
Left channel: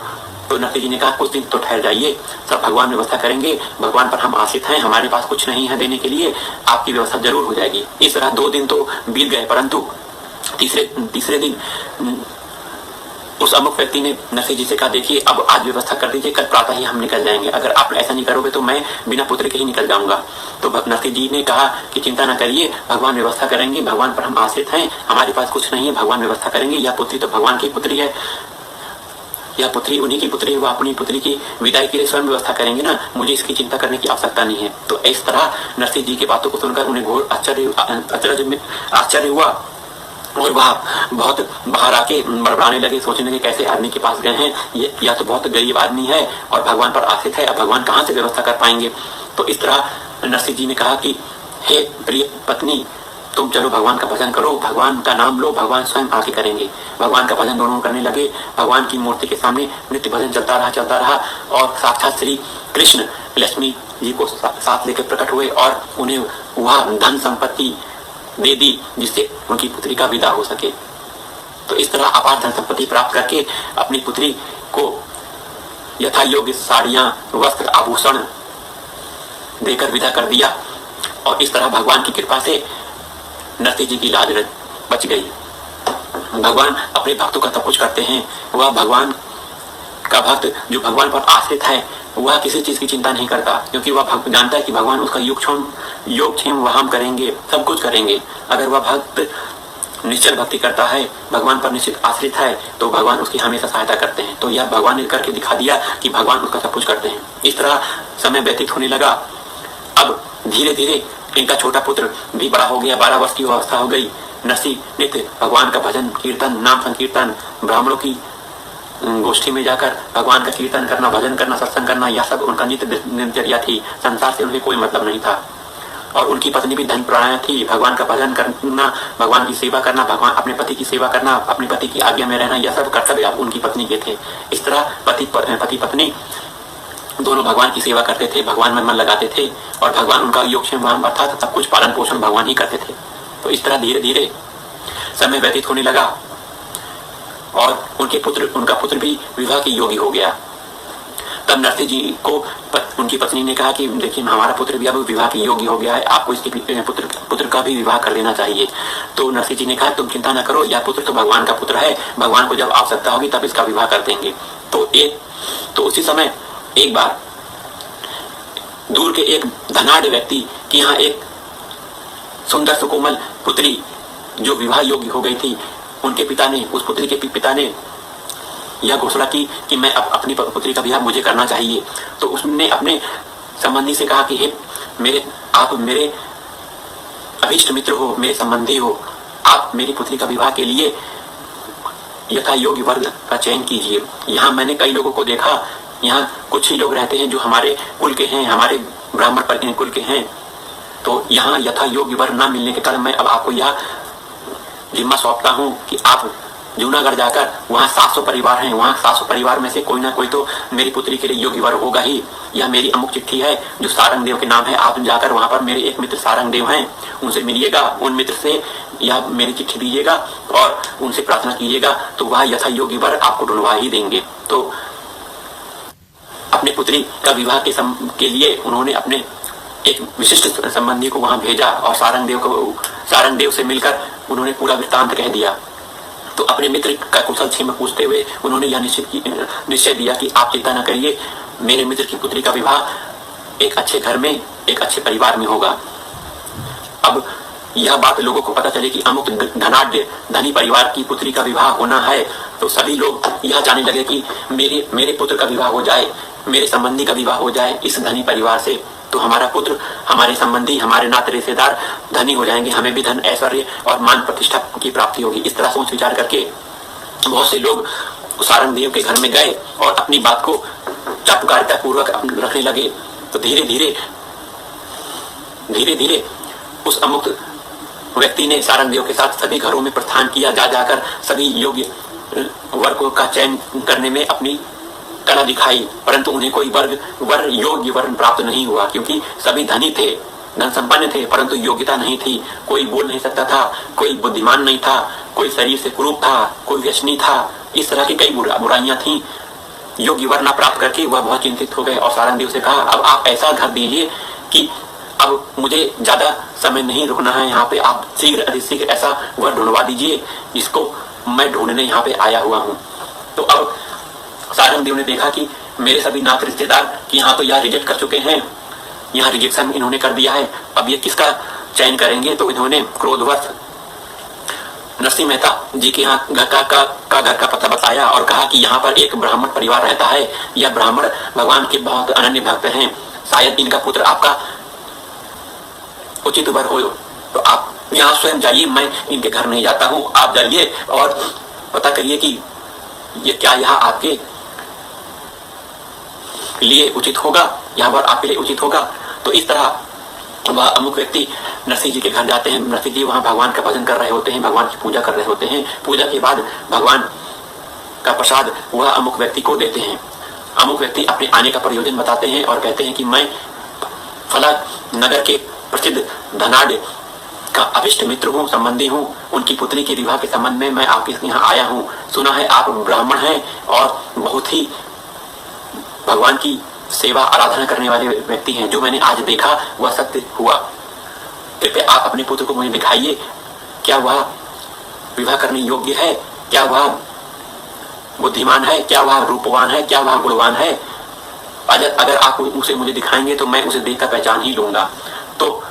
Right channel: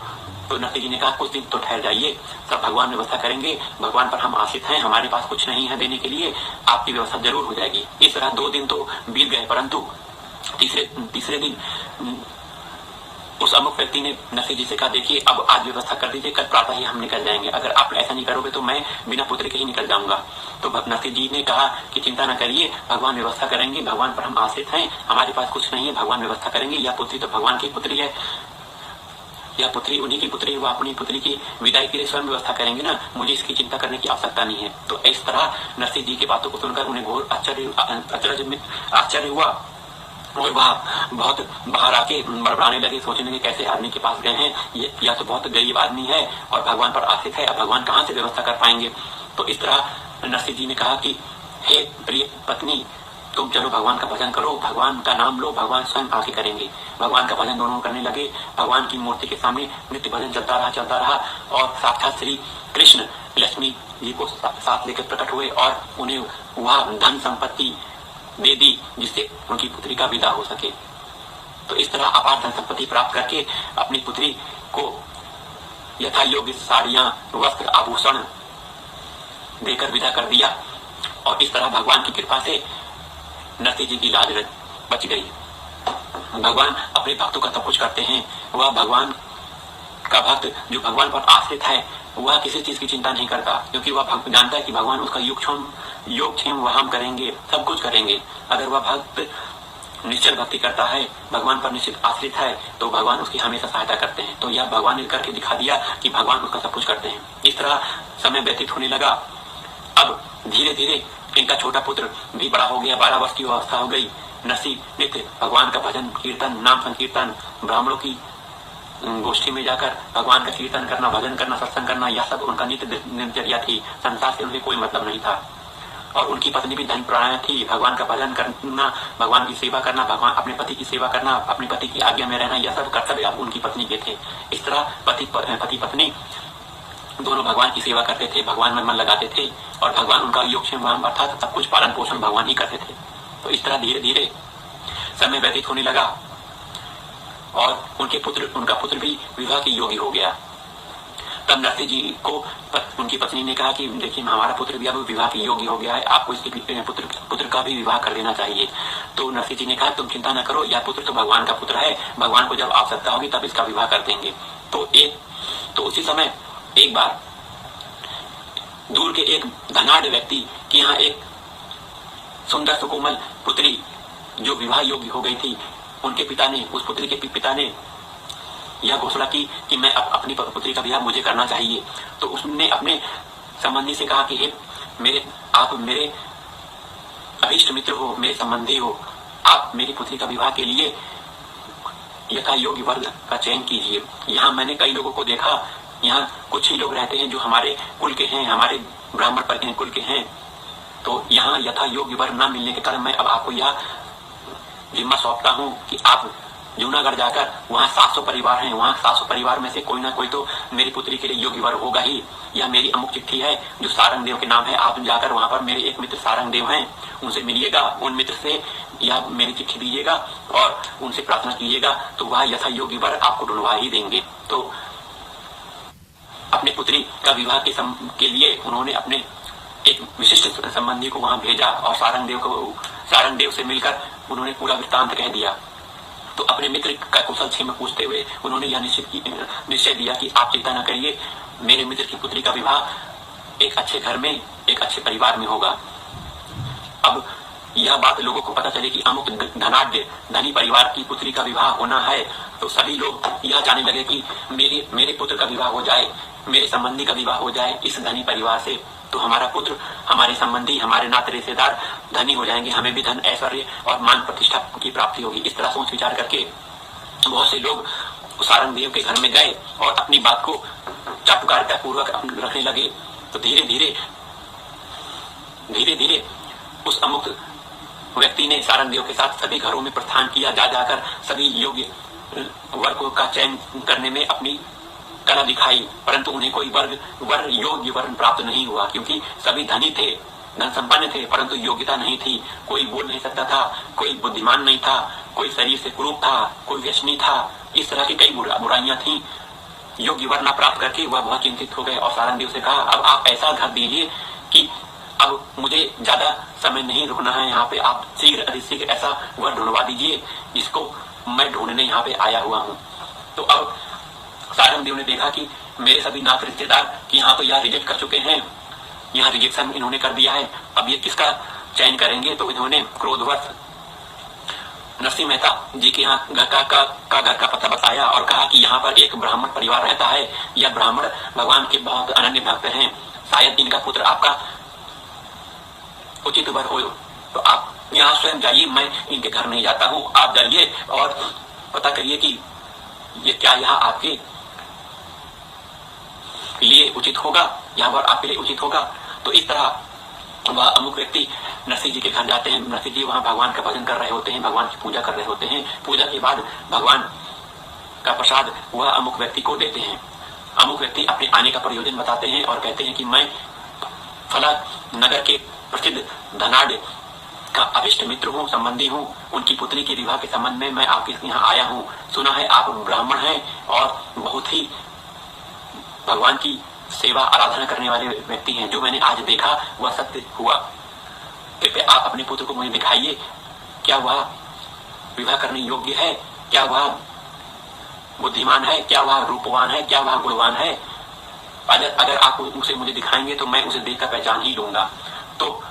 तो नरसिंह जी ने कहा कुछ दिन तो ठहर जाइए, सब भगवान व्यवस्था करेंगे, भगवान पर हम आश्रित हैं, हमारे पास कुछ नहीं है देने के लिए, आपकी व्यवस्था जरूर हो जाएगी। इस तरह 2 दिन तो बीत गए, परंतु तीसरे दिन उस अमुक व्यक्ति ने नरसिंह जी से कहा देखिए अब आज व्यवस्था कर दीजिए, कल प्रातः ही हम निकल जाएंगे, अगर आप ऐसा नहीं करोगे तो मैं बिना पुत्र के ही निकल जाऊंगा। तो नरसिंह जी ने कहा कि चिंता ना करिए, भगवान व्यवस्था करेंगे, भगवान पर हम आश्रित हैं, हमारे पास कुछ नहीं है, भगवान व्यवस्था करेंगे। यह पुत्री तो भगवान की पुत्री है, यह पुत्री उन्हीं की पुत्री है, वो अपनी पुत्री की विदाई के लिए स्वयं व्यवस्था करेंगे ना, मुझे इसकी चिंता करने की आवश्यकता नहीं है। तो इस तरह नरसिंह जी की बातों को सुनकर उन्हें घोर आश्चर्य हुआ और वह बहुत बाहर आके बड़बड़ाने लगे, सोचने लगे कैसे आदमी के पास गए हैं, ये या तो बहुत गरीब आदमी है और भगवान पर आश्रित है, अब भगवान कहाँ से व्यवस्था कर पाएंगे। तो इस तरह नरसिंह जी ने कहा कि हे प्रिय पत्नी, तुम चलो भगवान का भजन करो, भगवान का नाम लो, भगवान स्वयं आके करेंगे। भगवान का भजन दोनों करने लगे। भगवान की मूर्ति के सामने नित्य भजन चलता रहा और साक्षात श्री कृष्ण लक्ष्मी जी को साथ लेकर प्रकट हुए और उन्हें वह धन संपत्ति दे दी जिससे उनकी पुत्री का विदा हो सके। तो इस तरह अपार धन संपत्ति प्राप्त करके अपनी पुत्री को यथा योग्य साड़ियां, वस्त्र, आभूषण देकर विदा कर दिया। और इस तरह भगवान की कृपा से नरसिंह जी की लाज बच गई। भगवान अपने भक्तों का सब कुछ करते हैं। वह भगवान का भक्त जो भगवान पर आश्रित है वह किसी चीज की चिंता नहीं करता, क्योंकि वह जानता है कि भगवान उसका योगक्षेम वह हम करेंगे, सब कुछ करेंगे। अगर वह भक्त निश्चल भक्ति करता है, भगवान पर निश्चित आश्रित है, तो भगवान उसकी हमेशा सहायता करते हैं। तो यह भगवान ने करके दिखा दिया कि भगवान उसका सब कुछ करते हैं। इस तरह समय व्यतीत होने लगा। अब धीरे धीरे इनका छोटा पुत्र भी बड़ा हो गया, 12 वर्ष की अवस्था हो गई। नरसिंह नित्य भगवान का भजन कीर्तन, नाम संकीर्तन, ब्राह्मणों की गोष्ठी में जाकर भगवान का कीर्तन करना, भजन करना, सत्संग करना, यह सब उनका नित्य दिनचर्या थी। संसार से उन्हें कोई मतलब नहीं था। और उनकी पत्नी भी धर्मपरायण थी। भगवान का भजन करना, भगवान की सेवा करना, भगवान अपने पति की सेवा करना, अपने पति की आज्ञा में रहना, यह सब कर्तव्य उनकी पत्नी के थे। इस तरह पति पत्नी दोनों भगवान की सेवा करते थे, भगवान में मन लगाते थे और भगवान उनका योगक्षेम अर्थात सब कुछ पालन पोषण भगवान ही करते थे। तो इस तरह धीरे धीरे समय व्यतीत होने लगा और उनका पुत्र भी विवाह के योग्य हो गया। तब नरसिंह जी को उनकी पत्नी ने कहा कि देखिए हमारा पुत्र भी अब विवाह के योग्य हो गया है, आपको इसके पुत्र का भी विवाह कर देना चाहिए। तो नरसिंह जी ने कहा तुम चिंता न करो, यह पुत्र तो भगवान का पुत्र है, भगवान को जब आवश्यकता होगी तब इसका विवाह कर देंगे। तो उसी समय एक बार दूर के एक धनाढ़ व्यक्ति की यहाँ एक सुंदर सुकोमल पुत्री जो विवाह योग्य हो गई थी, उनके पिता ने, उस पुत्री के पिता ने यह घोषणा की कि मैं अपनी पुत्री का विवाह मुझे करना चाहिए। तो उसने अपने संबंधी से कहा कि हे आप मेरे अभिष्ट मित्र हो, मेरे संबंधी हो, आप मेरी पुत्री का विवाह के लिए यथा योग्य वर्ग का चयन कीजिए। यहाँ मैंने कई लोगों को देखा, यहाँ कुछ ही लोग रहते हैं जो हमारे कुल के हैं, हमारे ब्राह्मण पर कुल के हैं। तो यहाँ यथा योग्य वर्ग न मिलने के कारण मैं अब आपको यह जिम्मा सौंपता हूँ कि आप जूनागढ़ जाकर, वहाँ 700 परिवार हैं, वहाँ 700 परिवार में से कोई ना कोई तो मेरी पुत्री के लिए योग्य वर होगा ही। यह मेरी अमुक चिट्ठी है जो सारंग देव के नाम है, आप जाकर वहाँ पर मेरे एक मित्र सारंग देव हैं, उनसे मिलिएगा, उन मित्र से यह मेरी चिट्ठी दीजिएगा और उनसे प्रार्थना कीजिएगा, तो वह यथा योग्य वर आपको ढूंढवा ही देंगे। तो अपने पुत्री का विवाह के लिए उन्होंने अपने एक विशिष्ट संबंधी को वहां भेजा और सारंग देव से मिलकर उन्होंने पूरा वृत्तांत कह दिया। तो अपने मित्र का कुशल क्षेम पूछते हुए उन्होंने यह निश्चय दिया कि आप चिंता न करिए, मेरे मित्र की पुत्री का विवाह एक अच्छे घर में, एक अच्छे परिवार में होगा। अब यह बात लोगों को पता चले कि अमुक धनाढ्य धनी परिवार की पुत्री का विवाह होना है, तो सभी लोग यह जानने लगे कि मेरे पुत्र का विवाह हो जाए, मेरे संबंधी का विवाह हो जाए इस धनी परिवार से, तो हमारा पुत्र, हमारे संबंधी, हमारे नाते रिश्तेदार धनी हो जाएंगे, हमें भी धन, ऐश्वर्य और मान प्रतिष्ठा की प्राप्ति होगी। इस तरह सोच विचार करके बहुत से लोग सारंग देव के घर में गए और अपनी बात को चाटुकारिता पूर्वक रखने लगे। तो धीरे धीरे उस अमुक व्यक्ति ने सारंग देव के साथ सभी घरों में प्रस्थान किया, जाकर सभी योग्य वर्गों का चयन करने में अपनी कला दिखाई, परंतु उन्हें कोई योग्य वर्ण प्राप्त नहीं हुआ, क्योंकि सभी धनी थे, धन संपन्न थे, परंतु योग्यता नहीं थी। कोई बोल नहीं सकता था, कोई बुद्धिमान नहीं था, कोई शरीर से कुरूप था, कोई व्यसनी था। इस तरह की कई बुराइयां थी। योग्य वर्ण प्राप्त करके वह बहुत चिंतित हो गए और सारंग देव से कहा, अब आप ऐसा घर दीजिए कि अब मुझे ज्यादा समय नहीं रुकना है यहाँ पे, आप शीघ्र ऐसा वर ढूंढवा दीजिए जिसको मैं ढूंढने यहाँ पे आया हुआ हूँ। तो अब सारंग देव ने देखा कि मेरे सभी नात रिश्तेदार कि यहाँ तो यह रिजेक्ट कर चुके हैं, यहाँ रिजेक्शन इन्होंने कर दिया है, अब ये किसका चयन करेंगे। तो इन्होंने क्रोधवश नरसिंह मेहता जी के यहाँ घर का पता बताया और कहा कि यहाँ पर एक ब्राह्मण परिवार रहता है, यह ब्राह्मण भगवान के बहुत अनन्य भक्त हैं, शायद इनका पुत्र आपका उचित वर हो, तो आप यहाँ स्वयं जाइए, मैं इनके घर नहीं जाता हूँ, आप जाइए और पता करिए कि ये क्या यहाँ आपके लिए उचित होगा, यहाँ पर आपके लिए उचित होगा। तो इस तरह वह अमुक व्यक्ति नरसिंह जी के घर जाते हैं। नरसिंह जी वहाँ भगवान का भजन कर रहे होते हैं, भगवान की पूजा कर रहे होते हैं। पूजा के बाद भगवान का प्रसाद वह अमुक व्यक्ति को देते हैं। अमुक व्यक्ति अपने आने का प्रयोजन बताते हैं और कहते हैं कि मैं फला नगर के प्रसिद्ध धनाढ्य का अभिष्ट मित्र हूँ, संबंधी हूँ, उनकी पुत्री के विवाह के संबंध में मैं आपके यहाँ आया हूँ। सुना है आप ब्राह्मण हैं और बहुत ही भगवान की सेवा आराधना करने वाले व्यक्ति हैं, जो मैंने आज देखा वह सत्य हुआ। कृपया आप अपने पुत्र को मुझे दिखाइए, क्या वह विवाह करने योग्य है, क्या वह बुद्धिमान है, क्या वह रूपवान है, क्या वह गुणवान है। अगर आप उसे मुझे दिखाएंगे तो मैं उसे देखकर पहचान ही लूंगा। तो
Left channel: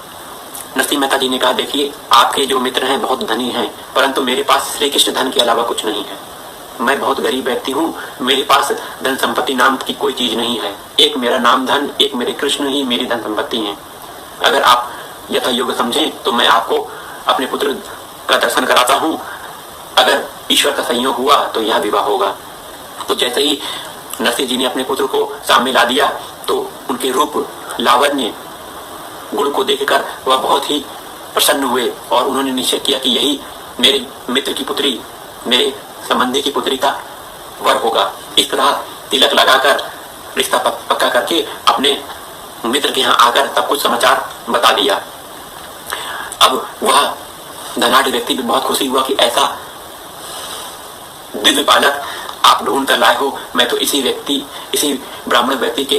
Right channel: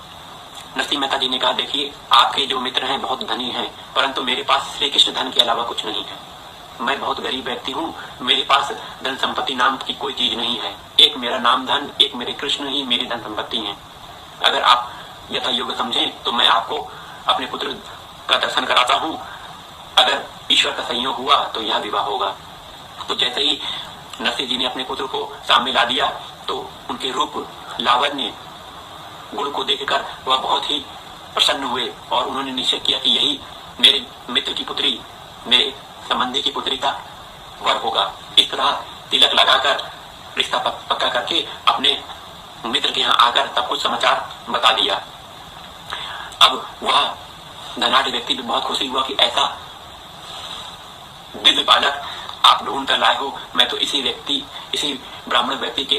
नरसिंह मेहता जी ने कहा, देखिए आपके जो मित्र हैं बहुत धनी हैं, परंतु मेरे पास श्री कृष्ण धन के अलावा कुछ नहीं है। मैं बहुत गरीब व्यक्ति हूँ, मेरे पास धन संपत्ति नाम की कोई चीज नहीं है। एक मेरा नाम धन, एक मेरे कृष्ण ही मेरी धन संपत्ति है। अगर आप यथा योग्य समझें तो मैं आपको अपने पुत्र का दर्शन कराता हूँ। अगर ईश्वर का संयोग हुआ तो यह विवाह होगा। तो जैसे ही नरसिंह जी ने अपने पुत्र को सामने ला दिया तो उनके रूप, लावण्य, गुण को देखकर वह बहुत ही प्रसन्न हुए और उन्होंने निश्चय किया कि यही मेरे मित्र की पुत्री, मेरे संबंधी की पुत्री का वर होगा। इस तरह तिलक लगाकर रिश्ता पक्का करके अपने मित्र के यहाँ आकर सब कुछ समाचार बता दिया। अब वह धनाढ्य व्यक्ति भी बहुत खुशी हुआ कि ऐसा दिव्य बालक आप ढूंढ कर लाए हो। मैं तो इसी ब्राह्मण व्यक्ति के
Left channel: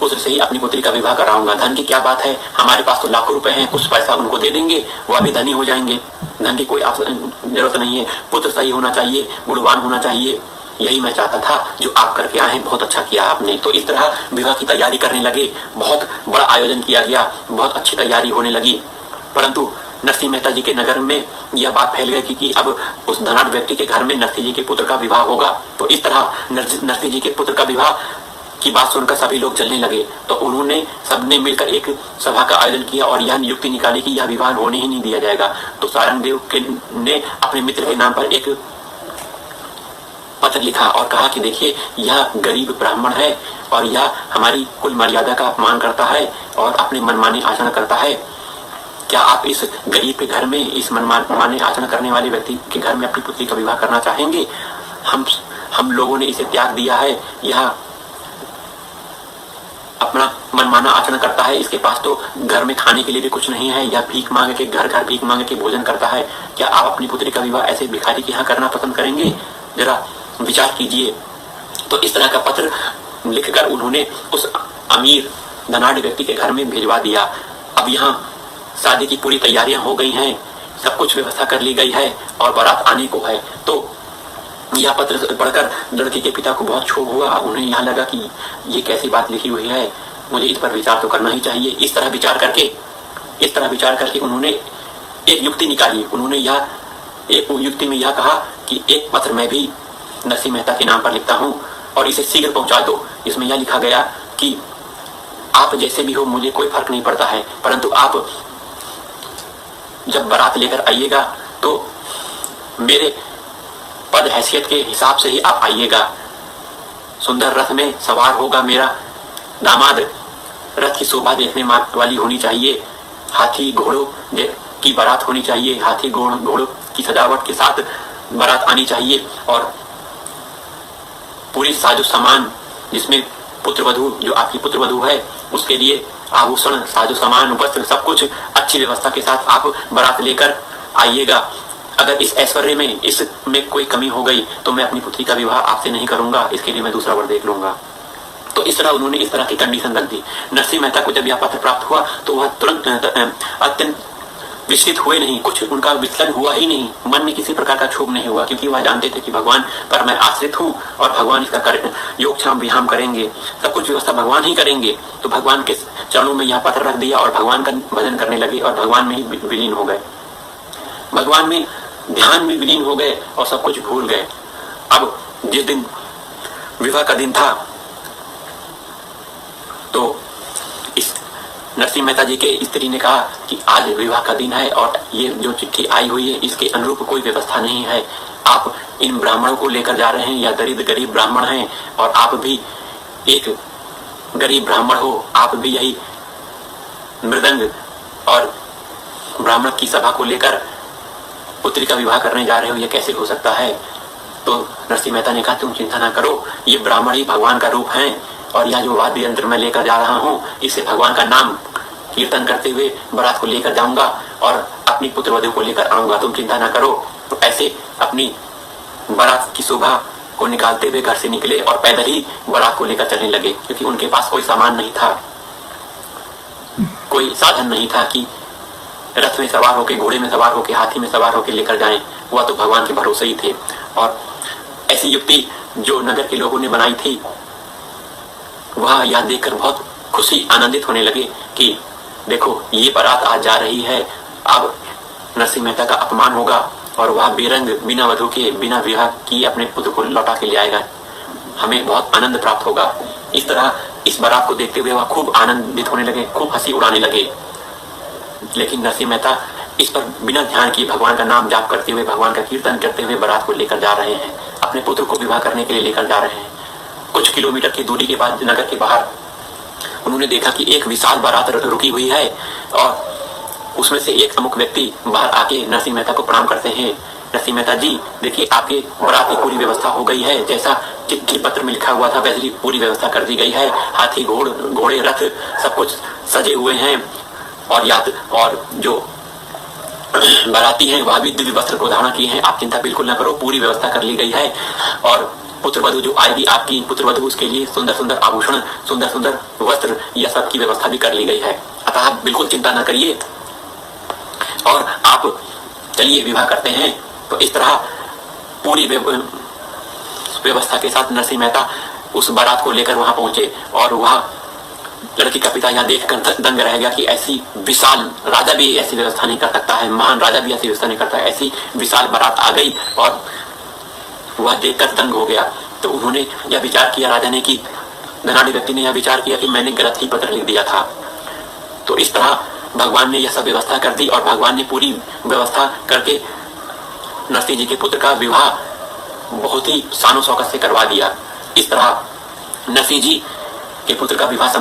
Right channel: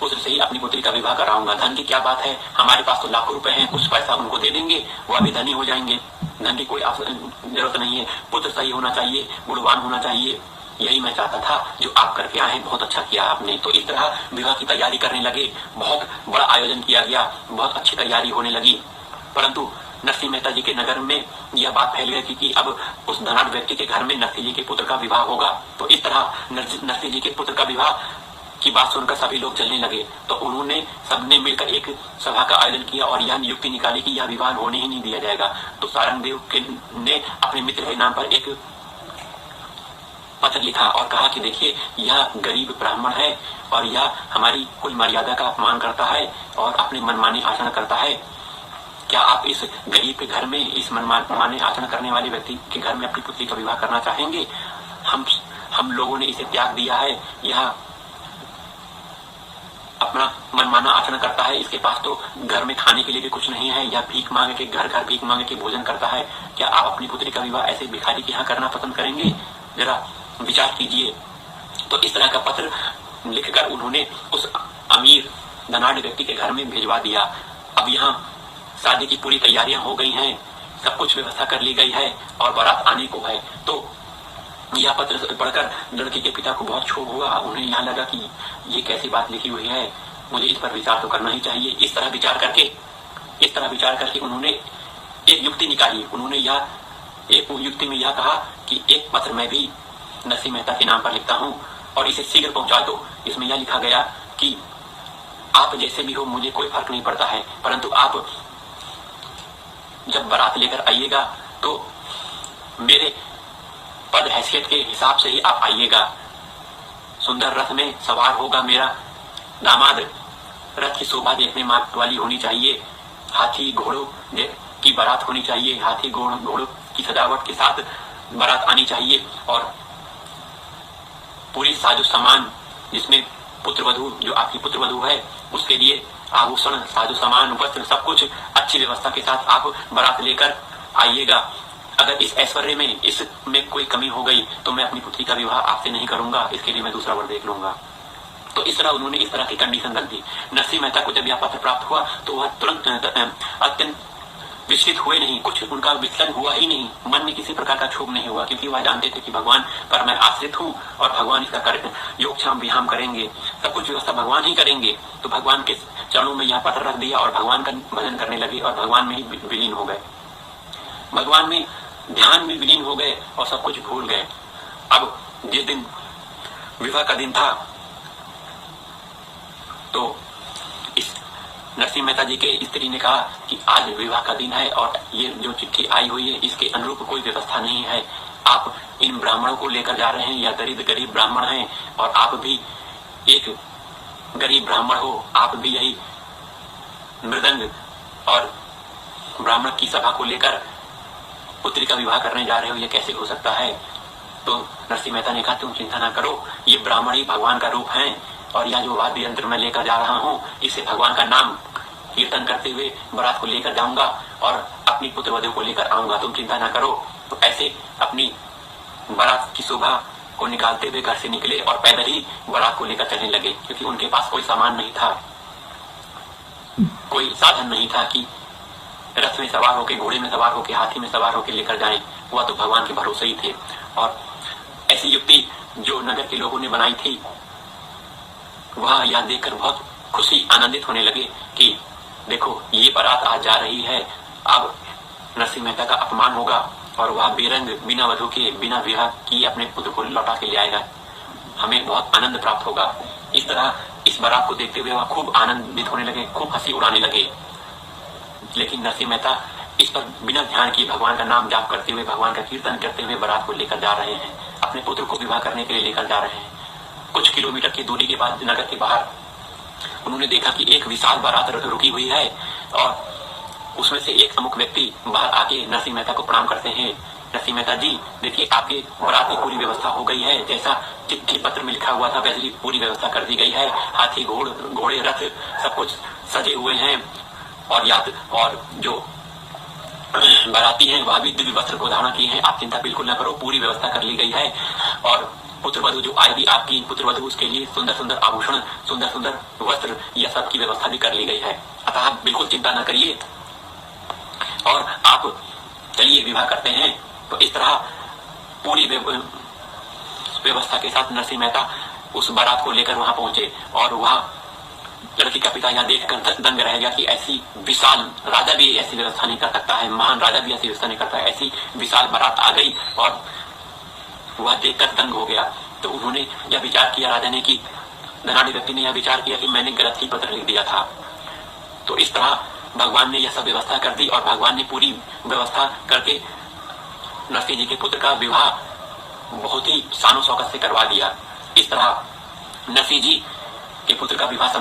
पुत्र से ही अपनी पुत्री का विवाह कराऊंगा। धन की क्या बात है, हमारे पास तो लाखों रुपए हैं, कुछ पैसा उनको दे देंगे, वह भी धनी हो जाएंगे। धन की कोई जरूरत नहीं है, पुत्र सही होना चाहिए, गुणवान होना चाहिए। यही मैं चाहता था, जो आप करके आए हैं, बहुत अच्छा किया आपने। तो इस तरह विवाह की तैयारी करने लगे। बहुत बड़ा आयोजन किया गया, बहुत अच्छी तैयारी होने लगी। परंतु नरसिंह मेहता जी के नगर में यह बात फैल गई कि अब उस धनाढ्य व्यक्ति के घर में नरसिंह जी के पुत्र का विवाह होगा। तो इस तरह नरसिंह जी के पुत्र का विवाह की बात सुनकर सभी लोग जलने लगे। तो उन्होंने सबने मिलकर एक सभा का आयोजन किया और यह नियुक्ति निकाली कि यह विवाह होने ही नहीं दिया जाएगा। तो सारंग देव ने अपने मित्र के नाम पर एक पत्र लिखा और कहा कि देखिए, यह गरीब ब्राह्मण है और यह हमारी कुल मर्यादा का अपमान करता है और अपने मनमाने आचरण करता है। क्या आप इस गरीब के घर में, इस मनमाने आचरण करने वाले व्यक्ति के घर में अपनी पुत्री का विवाह करना चाहेंगे? हम लोगों ने इसे त्याग दिया है, यह अपना मनमाना आचरण करता है, इसके पास तो घर में खाने के लिए भी कुछ नहीं है, या भीख मांग के घर भीख मांग के भोजन करता है। क्या आप अपनी पुत्री का विवाह ऐसे भिखारी के यहाँ करना पसंद करेंगे? जरा विचार कीजिए। तो इस तरह का पत्र लिखकर उन्होंने उस अमीर धनाढ्य व्यक्ति के घर में भिजवा दिया। अब यहाँ शादी की पूरी तैयारियां हो गई हैं। सब कुछ व्यवस्था कर ली गई है और बारात आने को है। तो यह पत्र पढ़कर लड़की के पिता को बहुत क्षोभ हुआ। उन्हें यहाँ लगा कि ये कैसी बात लिखी हुई है, मुझे इस पर विचार तो करना ही चाहिए। इस तरह विचार करके उन्होंने एक युक्ति निकाली। उन्होंने यह एक युक्ति में यह कहा कि एक पत्र मैं भी नरसिंह मेहता के नाम पर लिखता हूँ और इसे शीघ्र पहुंचा दो। इसमें यह लिखा गया कि आप जैसे भी हो मुझे कोई फर्क नहीं पड़ता है, परंतु आप जब बारात लेकर आइएगा तो मेरे पद हैसियत के हिसाब से ही आप आइएगा। सुंदर रथ में सवार होगा मेरा दामाद। रथ की शोभा देखने वाली होनी चाहिए। हाथी घोड़ों की बारात होनी चाहिए। हाथी घोड़ों की सजावट के साथ बारात आनी चाहिए और पूरी साजो सामान, जिसमें पुत्रवधू जो आपकी पुत्रवधू है उसके लिए आभूषण, साजो सामान, वस्त्र, सब कुछ अच्छी व्यवस्था के साथ आप बारात लेकर आइएगा। अगर इस ऐश्वर्य में इसमें कोई कमी हो गई तो मैं अपनी पुत्री का विवाह आपसे नहीं करूंगा, इसके लिए मैं दूसरा वर देख लूंगा। तो इस तरह उन्होंने इस तरह की कंडीशन रख दी। नरसिंह मेहता को जब यह पत्र प्राप्त हुआ तो वह तुरंत अत्यंत विचलित हुए नहीं, कुछ उनका विचलन हुआ ही नहीं, मन में किसी प्रकार का क्षोभ नहीं हुआ, क्योंकि वह जानते थे कि भगवान पर मैं आश्रित हूँ और भगवान इसका योगक्षाम विहाम करेंगे, सब कुछ व्यवस्था भगवान ही करेंगे। तो भगवान के चरणों में यह पत्र रख दिया और भगवान का भजन करने लगे और भगवान में ही विलीन हो गए। भगवान में ध्यान में विलीन हो गए और सब कुछ भूल गए। अब जिस दिन विवाह का दिन था तो इस नरसिंह मेहता जी के स्त्री ने कहा कि आज विवाह का दिन है और ये जो चिट्ठी आई हुई है इसके अनुरूप कोई व्यवस्था नहीं है। आप इन ब्राह्मणों को लेकर जा रहे हैं, या दरिद्र गरीब ब्राह्मण हैं और आप भी एक गरीब ब्राह्मण हो, आप भी यही मृदंग और ब्राह्मण की सभा को लेकर पुत्री का विवाह करने जा रहे हो, ये कैसे हो सकता है। तो नरसिंह मेहता ने कहा तुम चिंता ना करो, ये ब्राह्मण ही भगवान का रूप है और यह जो वाद्य यंत्र मैं लेकर जा रहा हूँ इसे भगवान का नाम कीर्तन करते हुए बारात को लेकर जाऊंगा और अपनी पुत्रवधू को लेकर आऊंगा, तुम चिंता ना करो। तो ऐसे अपनी बारात की शोभा को निकालते हुए घर से निकले और पैदल ही बारात को लेकर चलने लगे, क्योंकि उनके पास कोई सामान नहीं था, कोई साधन नहीं था कि रथ में सवार होके, घोड़े में सवार होके, हाथी में सवार होके लेकर जाएं। वह तो भगवान के भरोसे ही थे। और ऐसी युक्ति जो नगर के लोगों ने बनाई थी वह यह देखकर बहुत खुशी आनंदित होने लगे कि देखो ये बारात आज जा रही है, अब नरसिंह मेहता का अपमान होगा और वह बेरंग बिना वधू के बिना विवाह की अपने पुत्र को लौटा के ले आएगा, हमें बहुत आनंद प्राप्त होगा। इस तरह इस बारात को देखते हुए वह खूब आनंदित होने लगे, खूब हंसी उड़ाने लगे। लेकिन नरसिंह मेहता इस पर बिना ध्यान किए भगवान का नाम जाप करते हुए, भगवान का कीर्तन करते हुए बारात को लेकर जा रहे हैं, अपने पुत्र को विवाह करने के लिए लेकर जा रहे हैं। कुछ किलोमीटर की दूरी के बाद नगर के बाहर उन्होंने देखा कि एक विशाल बारात रुकी हुई है और उसमें से एक प्रमुख व्यक्ति बाहर आके नरसिंह मेहता को प्रणाम करते हैं। नरसिंह मेहता जी देखिए आपके बारात की पूरी व्यवस्था हो गई है, जैसा चिट्ठी पत्र में लिखा हुआ था वैसी पूरी व्यवस्था कर दी गई है। हाथी घोड़े रथ सब कुछ सजे हुए हैं और जो बाराती हैं वह भी दिव्य वस्त्र को धारण किए हैं। आप चिंता बिल्कुल न करो, पूरी व्यवस्था कर ली गई है और पुत्रवधू जो आएगी आपकी पुत्रवधू उसके लिए सुंदर सुंदर आभूषण, सुंदर सुंदर वस्त्र, यह सब की व्यवस्था भी कर ली गई है। अतः आप बिल्कुल चिंता न करिए और आप चलिए विवाह करते हैं। तो इस तरह पूरी व्यवस्था के साथ नरसिंह मेहता उस बारात को लेकर वहां पहुंचे और वह लड़की का पिता यह देखकर दंग रह गया कि ऐसी विशाल राजा भी ऐसी व्यवस्था नहीं कर सकता है, महान राजा भी ऐसी व्यवस्था नहीं करता है। ऐसी विशाल बारात आ गई और वह देखकर दंग हो गया। तो उन्होंने यह विचार किया, राजा ने, कि धनाढ़ी व्यक्ति ने यह विचार किया कि मैंने गलत ही पत्र लिख दिया था। तो इस तरह भगवान ने यह सब व्यवस्था कर दी और भगवान ने पूरी व्यवस्था करके नरसिंह जी के पुत्र का विवाह बहुत ही शानो शौकत से करवा दिया। इस तरह नरसिंह जी के पुत्र का विवाह